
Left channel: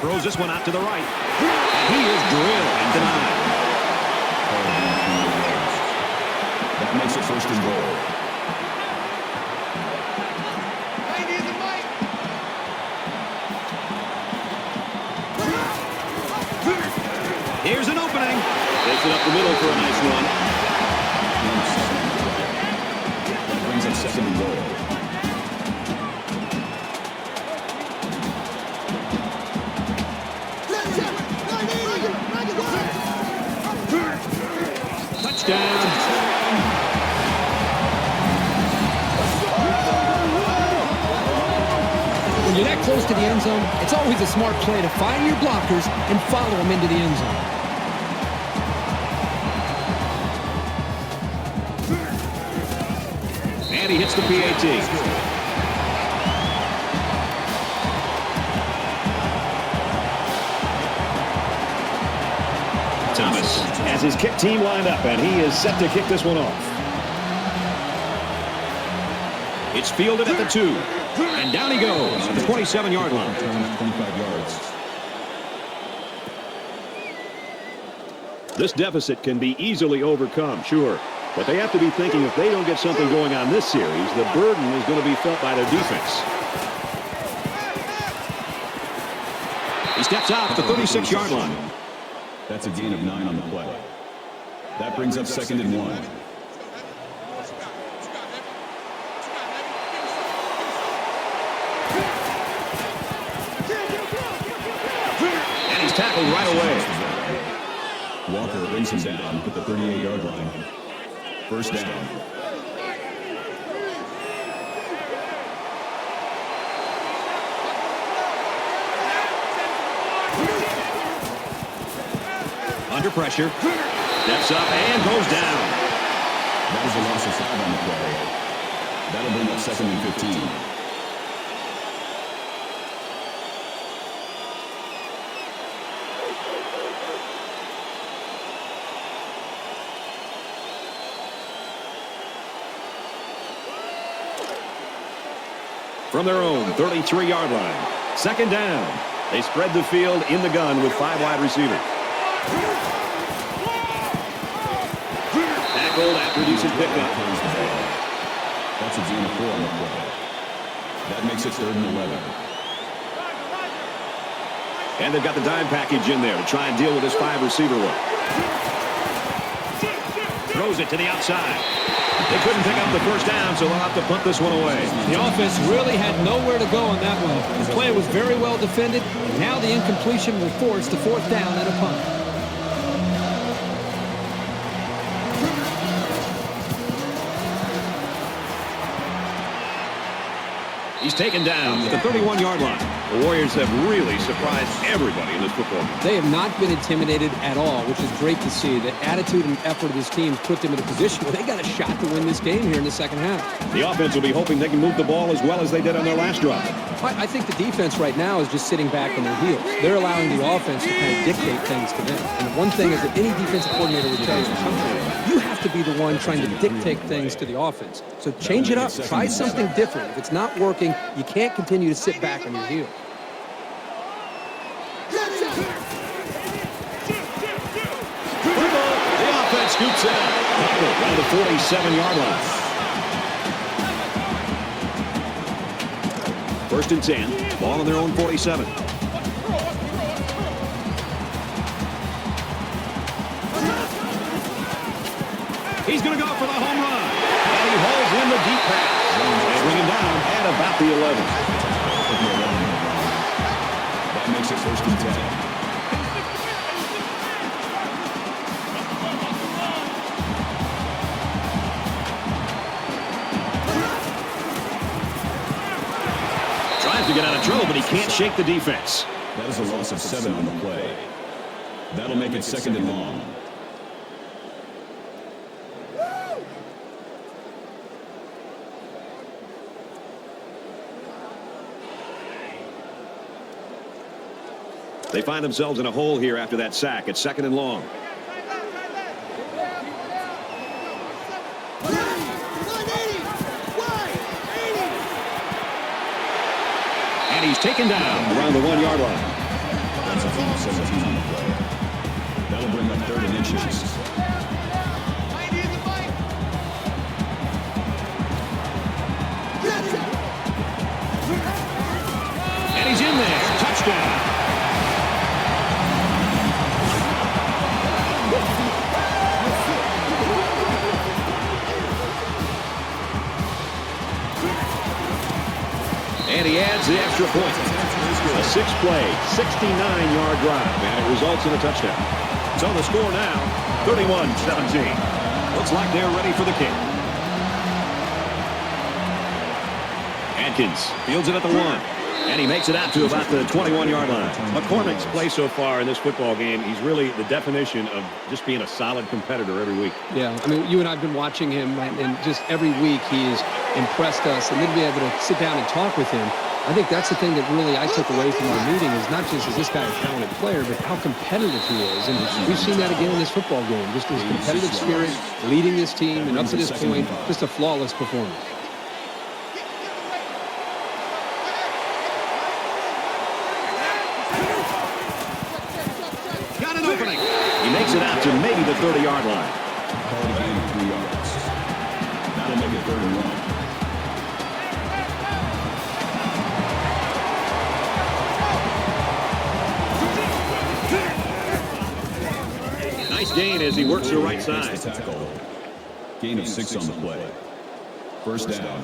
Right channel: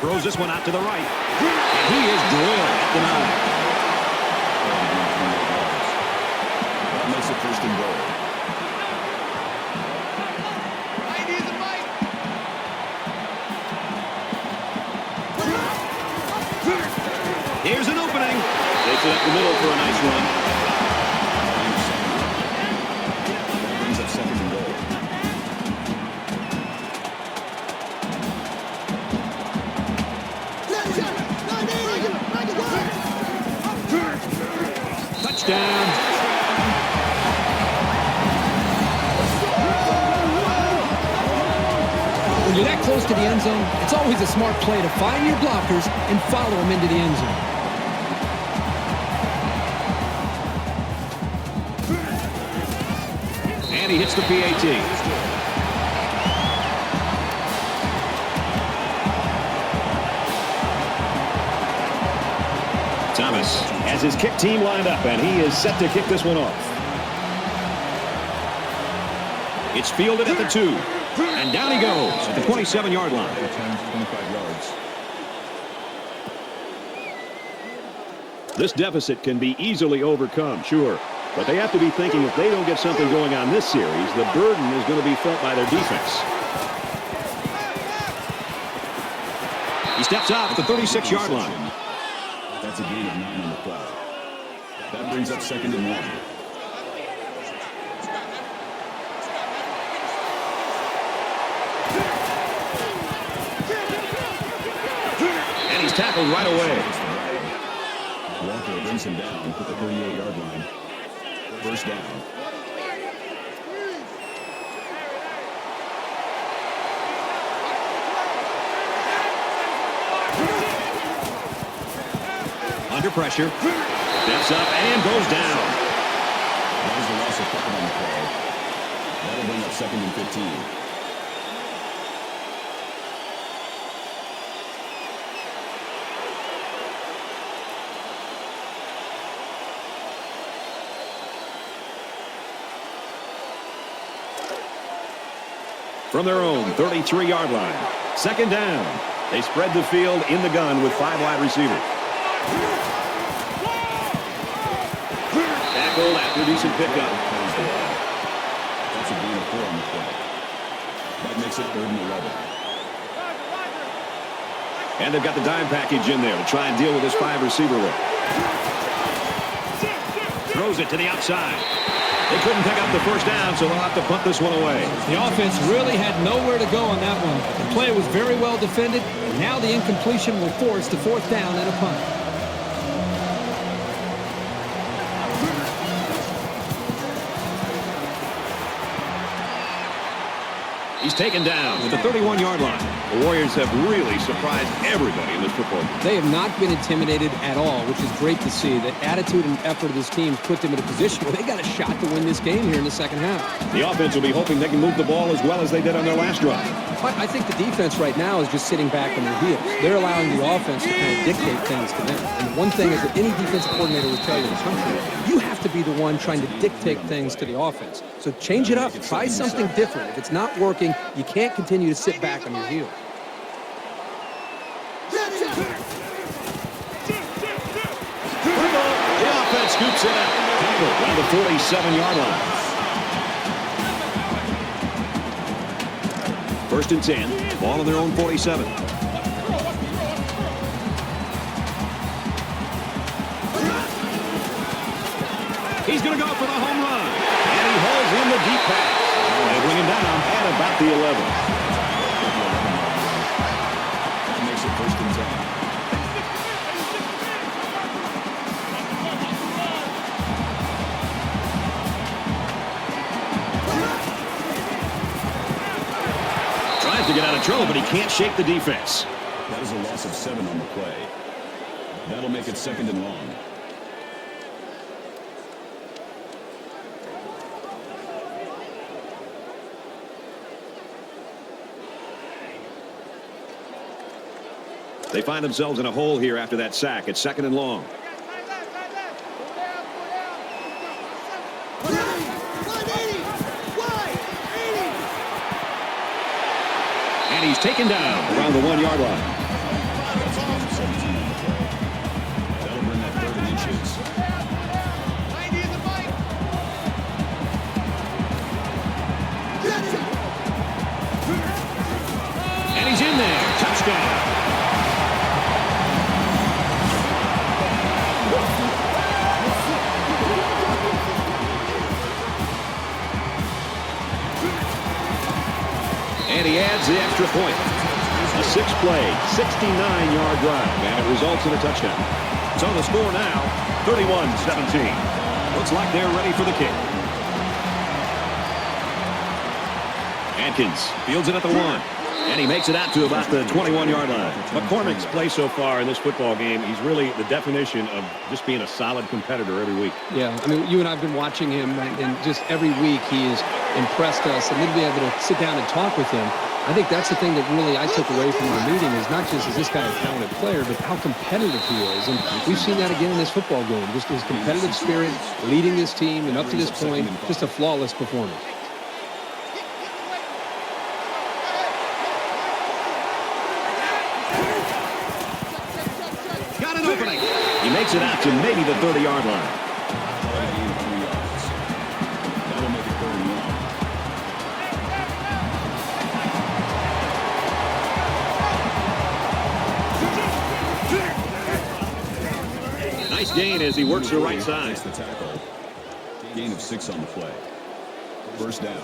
Throws this one out to the right. And he is drilled and denied. That makes it 1st and goal. Here's an opening. Takes it up the middle for a nice run. Brings in 2nd and goal. Touchdown. When you're that close to the end zone, it's always a smart play to find your blockers and follow them into the end zone. And he hits the PAT. Thomas has his kick team lined up, and he is set to kick this one off. It's fielded at the 2. And down he goes at the 27-yard line. This deficit can be easily overcome, sure. But they have to be thinking if they don't get something going on this series, the burden is going to be felt by their defense. He steps out at the 36-yard line. That's a DB number. That brings up 2nd and 1. And he's tackled right away. Walker brings him down to the 38-yard line. 1st down. Under pressure. Yes, and comes down. That'll bring up 2nd and 15. From their own 33-yard line. 2nd down. They spread the field in the gun with 5 wide receivers. Tackled after decent pickup. That makes it 3rd and 11. And they've got the dime package in there to try and deal with this 5 receiver look. Throws it to the outside. They couldn't pick up the 1st down, so they'll have to punt this one away. The offense really had nowhere to go on that one. The play was very well defended. Now the incompletion will force the 4th down and a punt. He's taken down at the 31-yard line. The Warriors have really surprised everybody in this football. They have not been intimidated at all, which is great to see. The attitude and effort of this team has put them in a position where they got a shot to win this game here in the 2nd half. The offense will be hoping they can move the ball as well as they did on their last drive. But I think the defense right now is just sitting back in their heels. They're allowing the offense to kind of dictate things to them. And one thing is that any defensive coordinator would tell you have to be the one trying to dictate things to the offense. So change it up. Try something different. If it's not working, you can't continue to sit back on your heels. The offense scoops it out. Right 47-yard line. 1st and 10. Ball on their own 47. going to go for the home run. And he hauls in the deep pass. They bring it down at about the 11. Tries to get out of trouble, but he can't shake the defense. That is a loss of 7 on the play. That'll make it second and long. They find themselves in a hole here after that sack. It's second and long. And he's taken down around the 1-yard line. And he's in there. Touchdown. And he adds the extra point. A 6-play, 69-yard drive. And it results in a touchdown. It's on the score now, 31-17. Looks like they're ready for the kick. Atkins fields it at the 1. And he makes it out to about the 21-yard line. McCormick's play so far in this football game, he's really the definition of just being a solid competitor every week. Yeah, I mean, you and I have been watching him, and just every week he's impressed us, and then be able to sit down and talk with him. I think that's the thing that really I took away from the meeting is not just is this guy a talented player, but how competitive he is. And we've seen that again in this football game. Just his competitive spirit, leading this team, and up to this point, just a flawless performance. He makes it out to maybe the 30-yard line. Nice gain as he works the right side. Gain of 6 on the play. First down.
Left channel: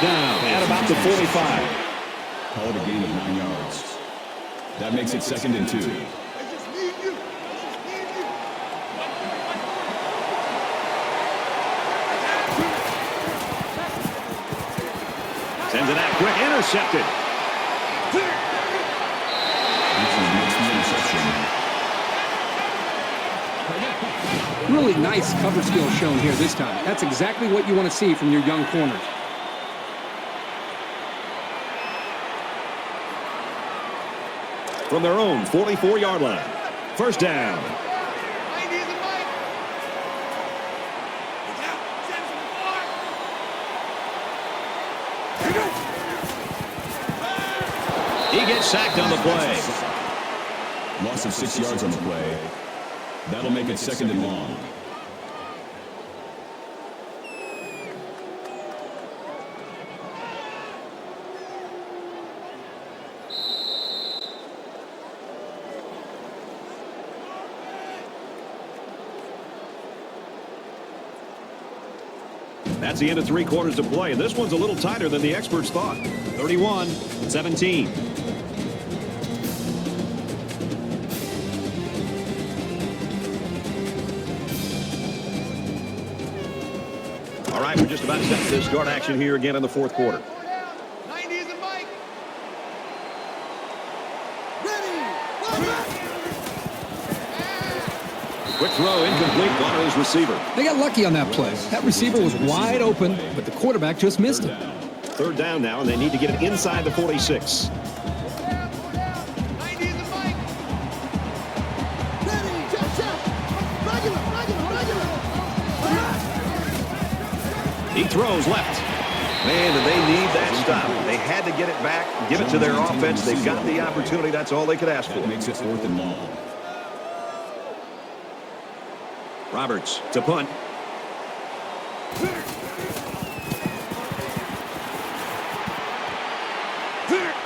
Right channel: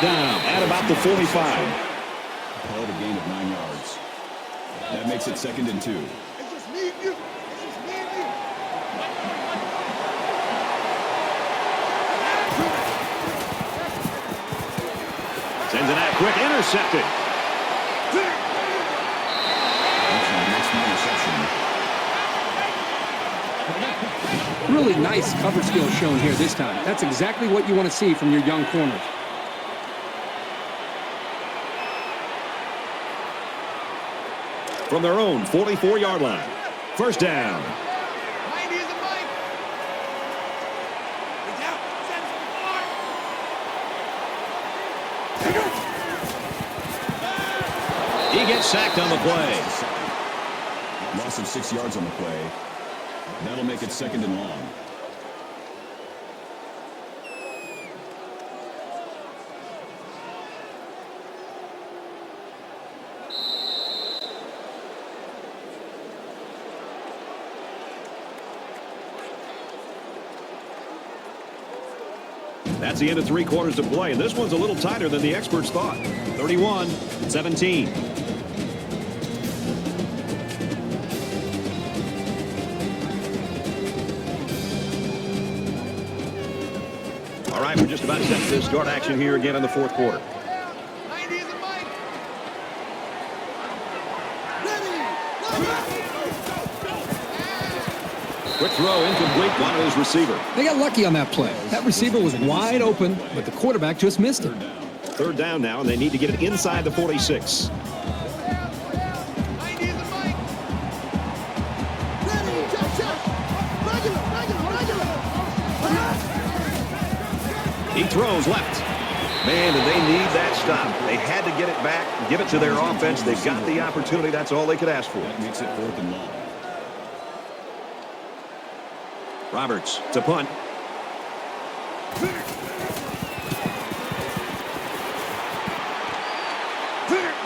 At about the 45. That makes it second and 2. Quick intercepted. Really nice cover skill shown here this time. That's exactly what you want to see from your young corners. From their own 44-yard line. First down. He gets sacked on the play. Loss of 6 yards on the play. That'll make it second and long. That's the end of 3 quarters to play, and this one's a little tighter than the experts thought. 31-17. All right, we're just about to start action here again in the 4th quarter. Quick throw, incomplete on his receiver. They got lucky on that play. That receiver was wide open, but the quarterback just missed him. 3rd down now, and they need to get it inside the 46. He throws left. Man, did they need that stop. They had to get it back, give it to their offense. They got the opportunity. That's all they could ask for. Makes it 4th and long. Roberts to punt.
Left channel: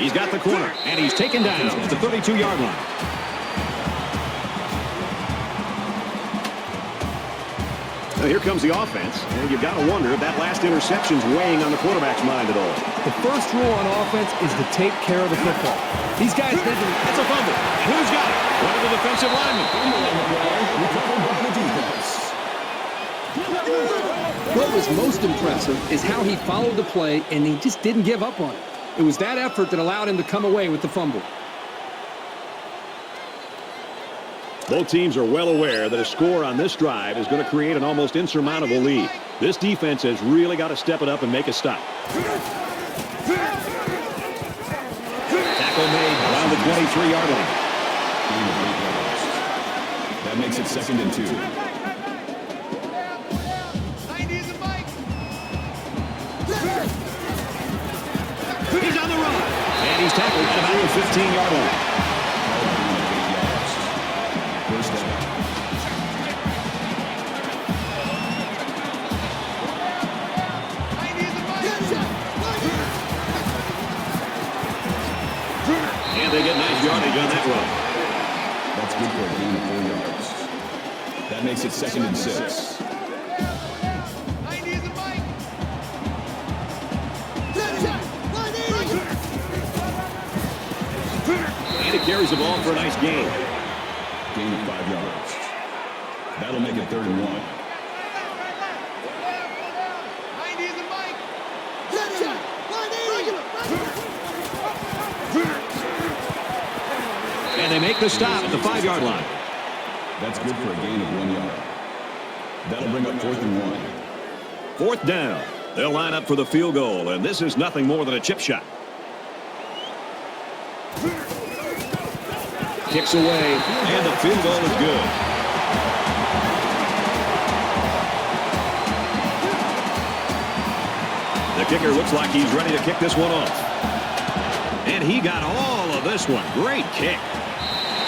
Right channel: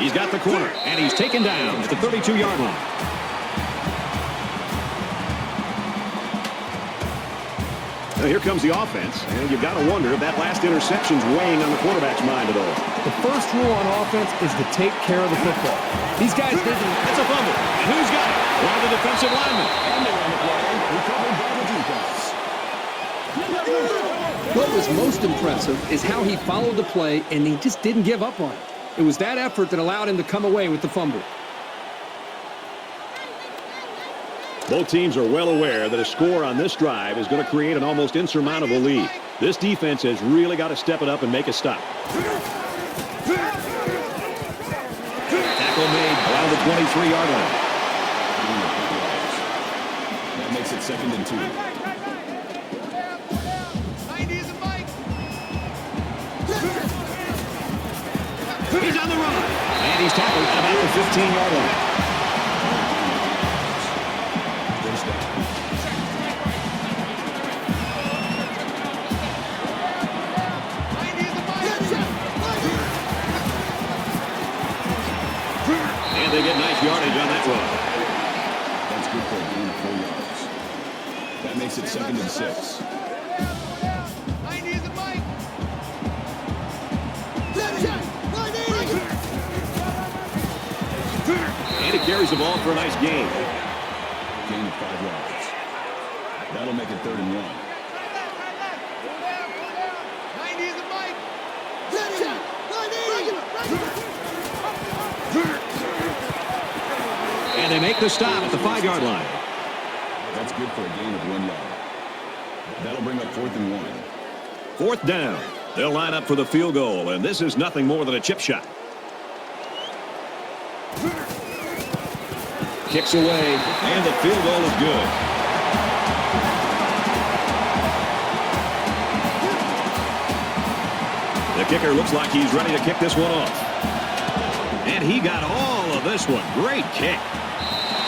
He's got the corner, and he's taken down at the 32-yard line. So here comes the offense, and you've got to wonder if that last interception's weighing on the quarterback's mind at all. First rule on offense is to take care of the football. These guys need to... It's a fumble. He's got it. One of the defensive linemen. What was most impressive is how he followed the play, and he just didn't give up on it. It was that effort that allowed him to come away with the fumble. Both teams are well aware that a score on this drive is going to create an almost insurmountable lead. This defense has really got to step it up and make a stop. Tackle made around the 23-yard line. That makes it 2nd and 2. He's on the run. And he's tackled at about the 15-yard line. And they get nice yardage on that run. That's good work. That makes it 2nd and 6. And he carries the ball for a nice gain. Gaining 5 yards. That'll make it 3rd and 1. And they make the stop at the 5-yard line. That's good for a gain of 1 yard. That'll bring them 4th and 1. 4th down. They'll line up for the field goal, and this is nothing more than a chip shot. Kicks away, and the field goal is good. The kicker looks like he's ready to kick this one off. And he got all of this one. Great kick.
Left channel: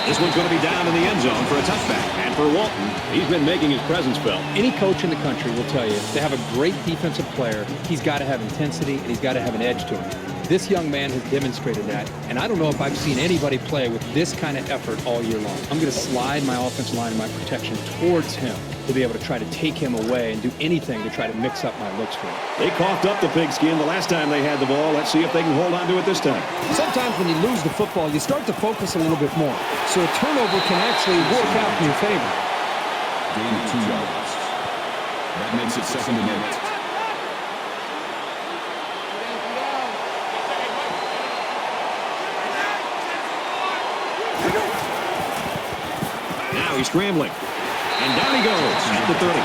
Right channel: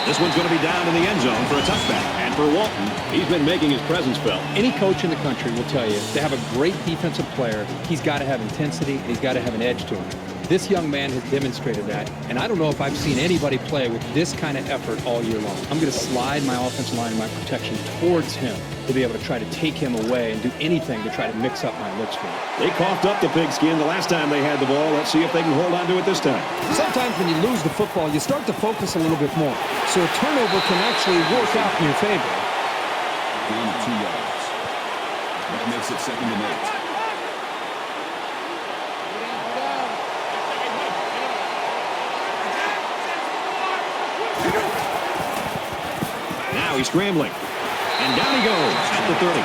This one's going to be down in the end zone for a touchdown. And for Walton, he's been making his presence felt. Any coach in the country will tell you, to have a great defensive player, he's got to have intensity and he's got to have an edge to him. This young man has demonstrated that, and I don't know if I've seen anybody play with this kind of effort all year long. I'm going to slide my offensive line and my protection towards him to be able to try to take him away and do anything to try to mix up my looks for him. They coughed up the pigskin the last time they had the ball. Let's see if they can hold on to it this time. Sometimes when you lose the football, you start to focus a little bit more. So a turnover can actually work out in your favor. Gain 2 yards. That makes it 2nd and 8. Now he's scrambling. And down he goes at the 30.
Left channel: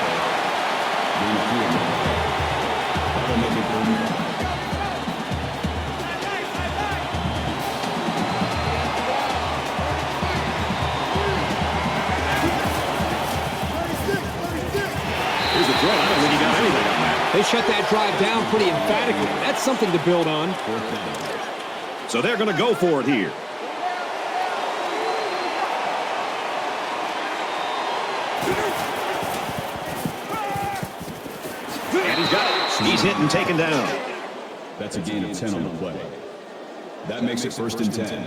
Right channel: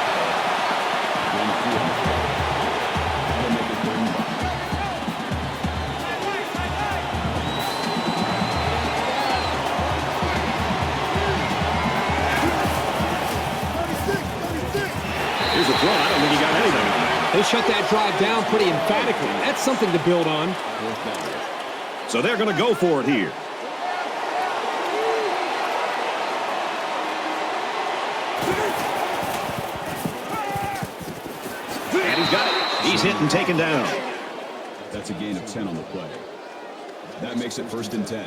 They shut that drive down pretty emphatically. That's something to build on. So they're going to go for it here. He's hit and taken down. That's a gain of 10 on the play. That makes it 1st and 10.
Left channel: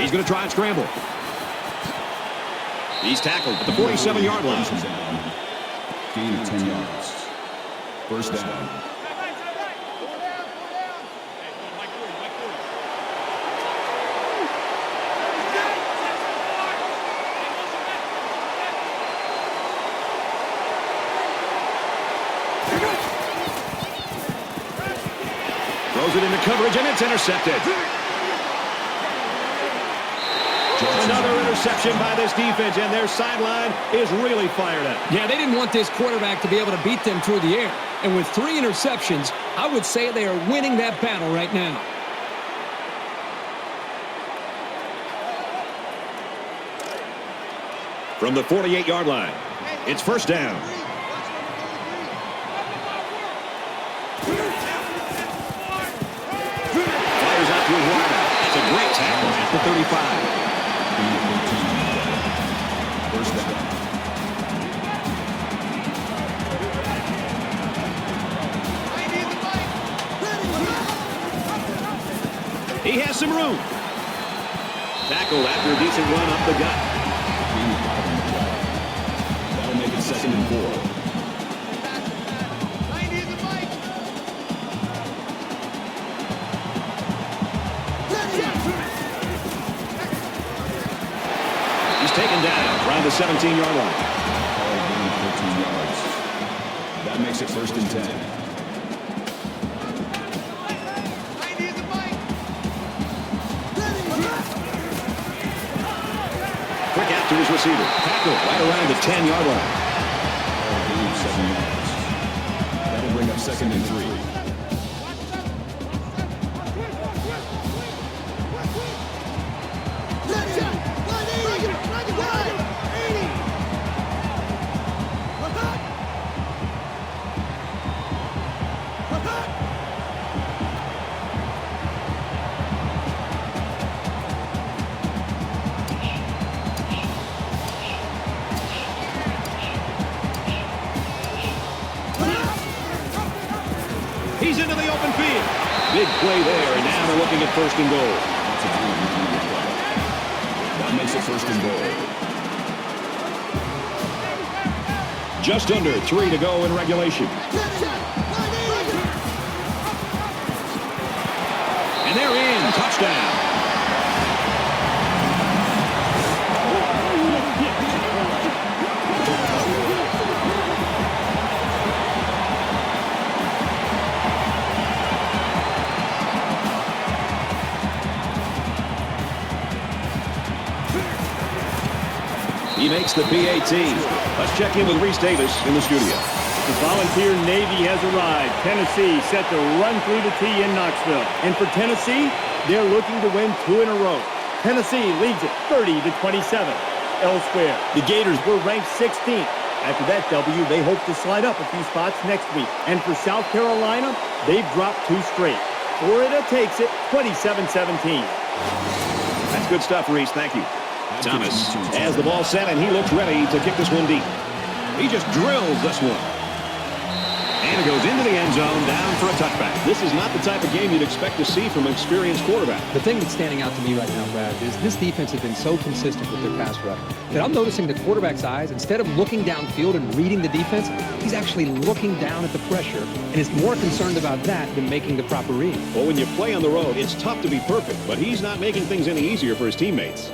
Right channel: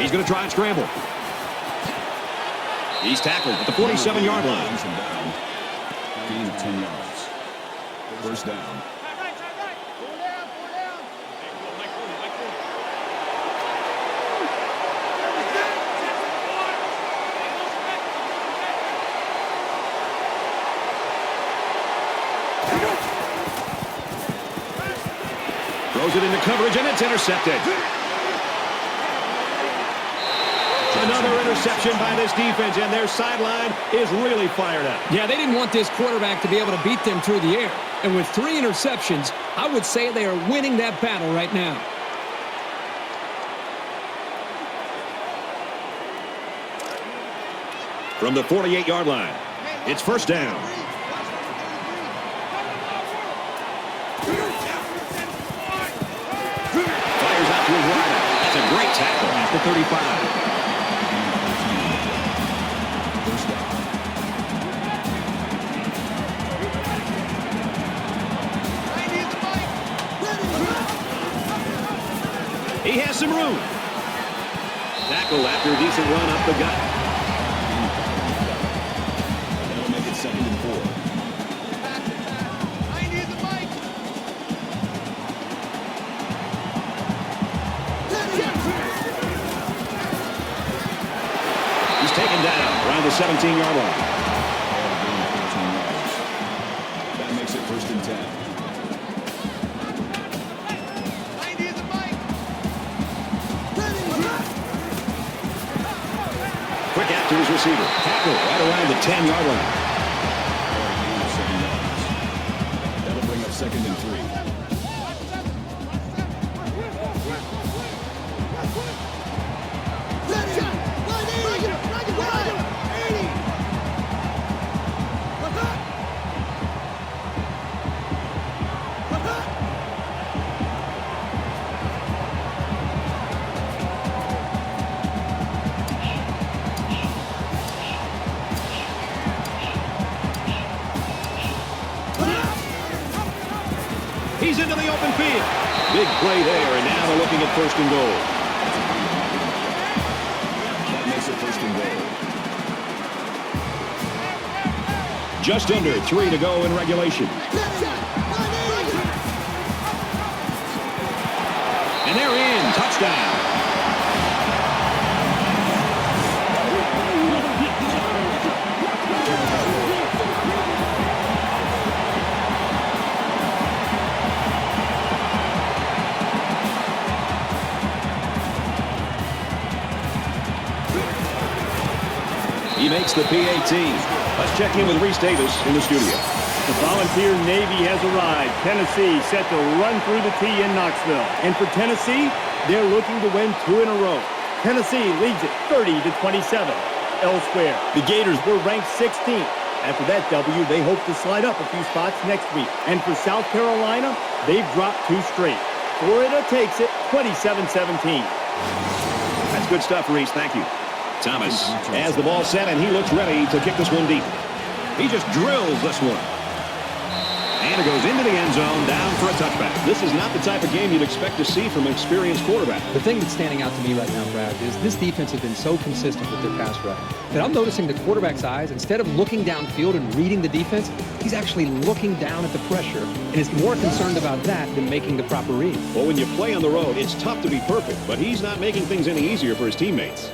He's going to try and scramble. He's tackled at the 47-yard line. Gain of 10 yards. 1st down. Coverage, and it's intercepted. Another interception by this defense, and their sideline is really fired up. Yeah, they didn't want this quarterback to be able to beat them through the air. And with 3 interceptions, I would say they are winning that battle right now. From the 48-yard line, it's 1st down. Fires out to his right. That's a great tackle at the 35. zone. Tackled after a decent run up the gut. And then it's second and 4. He's taken down on the 17-yard line. That makes it first and 10. Quick out to his receiver. Right around the 10-yard line. That'll bring up second and 3. He's into the open field. Big play there. Now they're looking at first and goal. That makes it first and goal. Just under 3 to go in regulation. And there he is. Touchdown. He makes the PAT. Let's check in with Reese Davis in the studio. The Volunteer Navy has arrived. Tennessee set to run through the tee in Knoxville. And for Tennessee, they're looking to win 2 in a row. Tennessee leads it 30-27. Elsewhere, the Gators were ranked 16th. After that W, they hope to slide up a few spots next week. And for South Carolina, they've dropped 2 straight. Florida takes it 27-17. That's good stuff, Reese. Thank you. Thomas has the ball set, and he looks ready to get this one deep. He just drills this one. And it goes into the end zone, down for a touchback. This is not the type of game you'd expect to see from an experienced quarterback. The thing that's standing out to me right now, Brad, is this defense has been so consistent with their pass rush. And I'm noticing the quarterback's eyes, instead of looking downfield and reading the defense, he's actually looking down at the pressure and is more concerned about that than making the proper read. Well, when you play on the road, it's tough to be perfect, but he's not making things any easier for his teammates.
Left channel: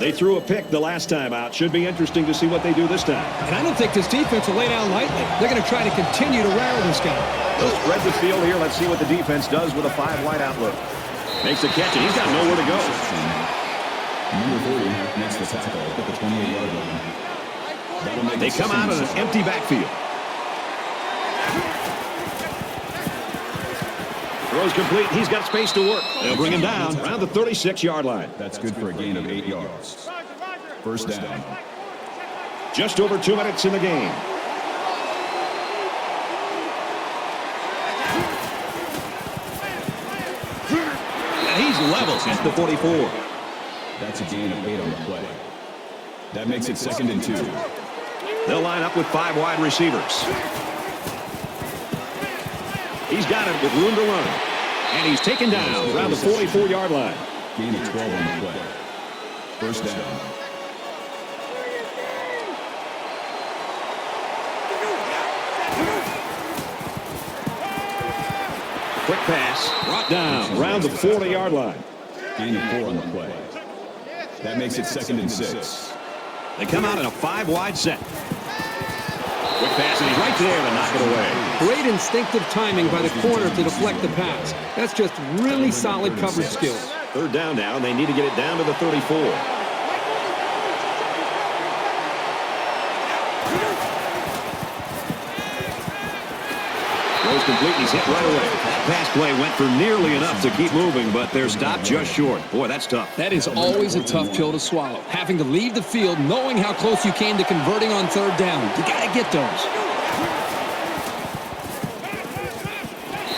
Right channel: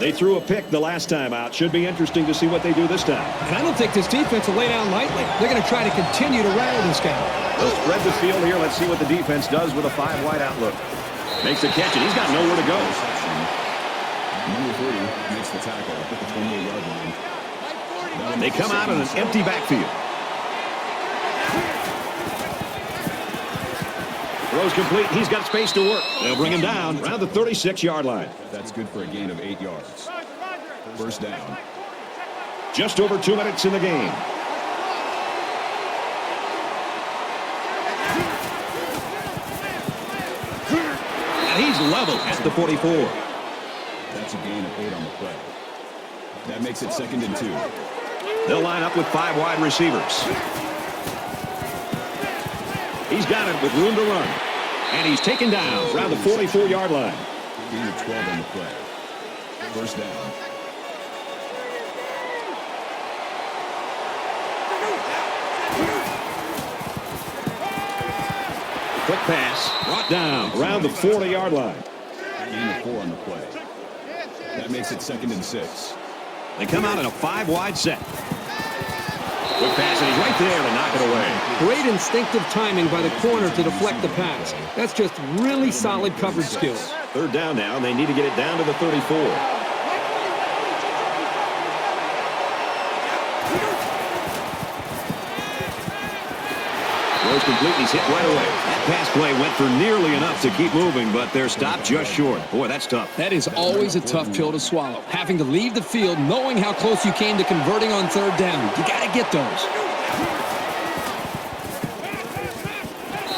They threw a pick the last time out. Should be interesting to see what they do this time. And I don't think this defense will lay down lightly. They're going to try to continue to rattle this guy. They'll spread the field here. Let's see what the defense does with a 5-wide outlook. Makes the catch, and he's got nowhere to go. They come out in an empty backfield. Throws complete. He's got space to work. They'll bring him down around the 36-yard line. That's good for a gain of 8 yards. First down. Just over 2 minutes in the game. And he's level at the 44. That's a gain of 8 on the play. That makes it second and 2. They'll line up with 5 wide receivers. He's got it with room to run. And he's taken down around the 44-yard line. Gain of 12 on the play. First down. Quick pass. Brought down around the 40-yard line. Gain of 4 on the play. That makes it second and 6. They come out in a 5-wide set. Quick pass, and he's right there and knocked it away. Great instinctive timing by the corner to deflect the pass. That's just really solid coverage skills. Third down now, and they need to get it down to the 34. Complete. He's hit right away. That pass play went for nearly enough to keep moving, but they're stopped just short. Boy, that's tough. That is always a tough pill to swallow. Having to leave the field knowing how close you came to converting on third down. You got to get those.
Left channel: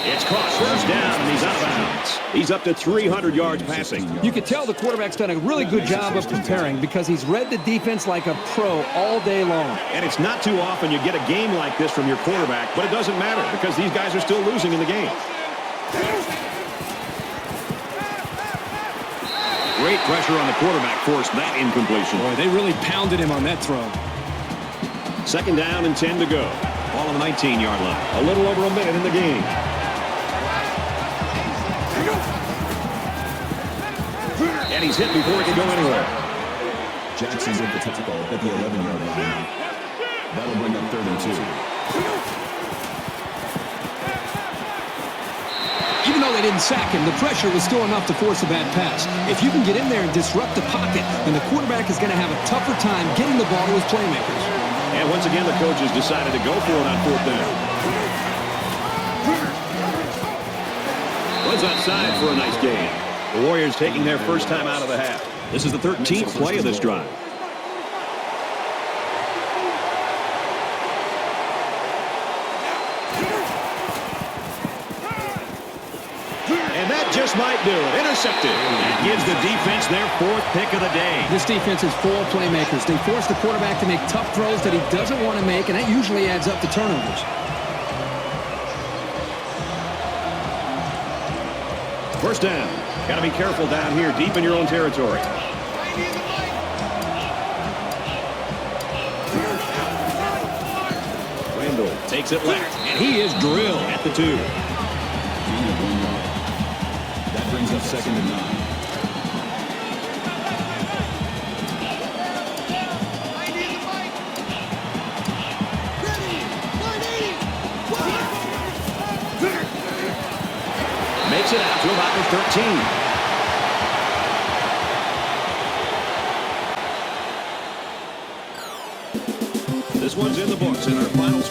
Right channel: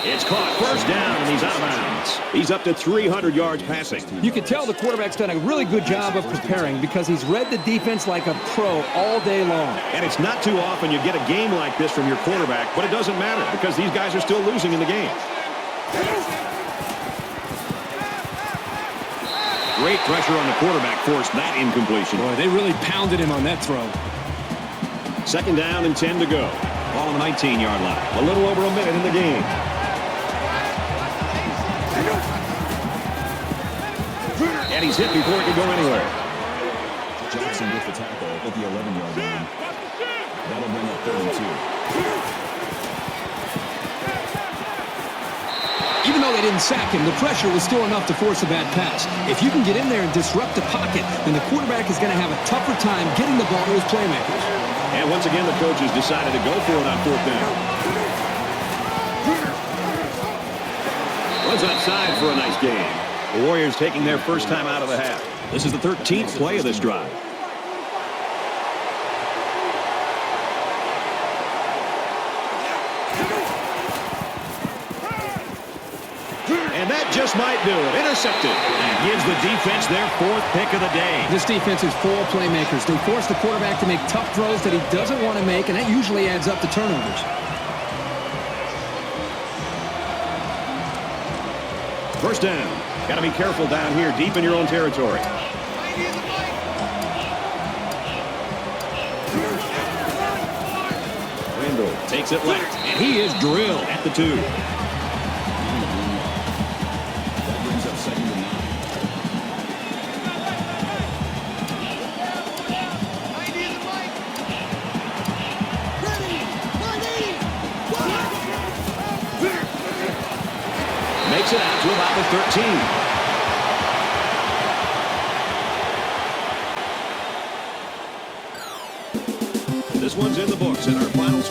It's caught first down, and he's out of bounds. He's up to 300 yards passing. You can tell the quarterback's done a really good job of preparing because he's read the defense like a pro all day long. And it's not too often you get a game like this from your quarterback, but it doesn't matter because these guys are still losing in the game. Great pressure on the quarterback forced that incompletion. Boy, they really pounded him on that throw. Second down and 10 to go. Ball on the 19-yard line. A little over a minute in the game. And he's hit before he can go anywhere. Jackson's in the football at the 11-yard line. That'll bring up 32. Even though they didn't sack him, the pressure was still enough to force a bad pass. If you can get in there and disrupt the pocket, then the quarterback is going to have a tougher time getting the ball to his playmakers. And once again, the coaches decided to go for it on fourth down. Was outside for a nice game. The Warriors taking their first time out of the half. This is the 13th play of this drive. And that just might do it. Intercepted. And gives the defense their fourth pick of the day. This defense is full of playmakers. They force the quarterback to make tough throws that he doesn't want to make, and that usually adds up to turnovers. First down. Got to be careful down here, deep in your own territory. Randall takes it left, and he is drilled at the 2. Makes it out to about the 13. This one's in the books in the final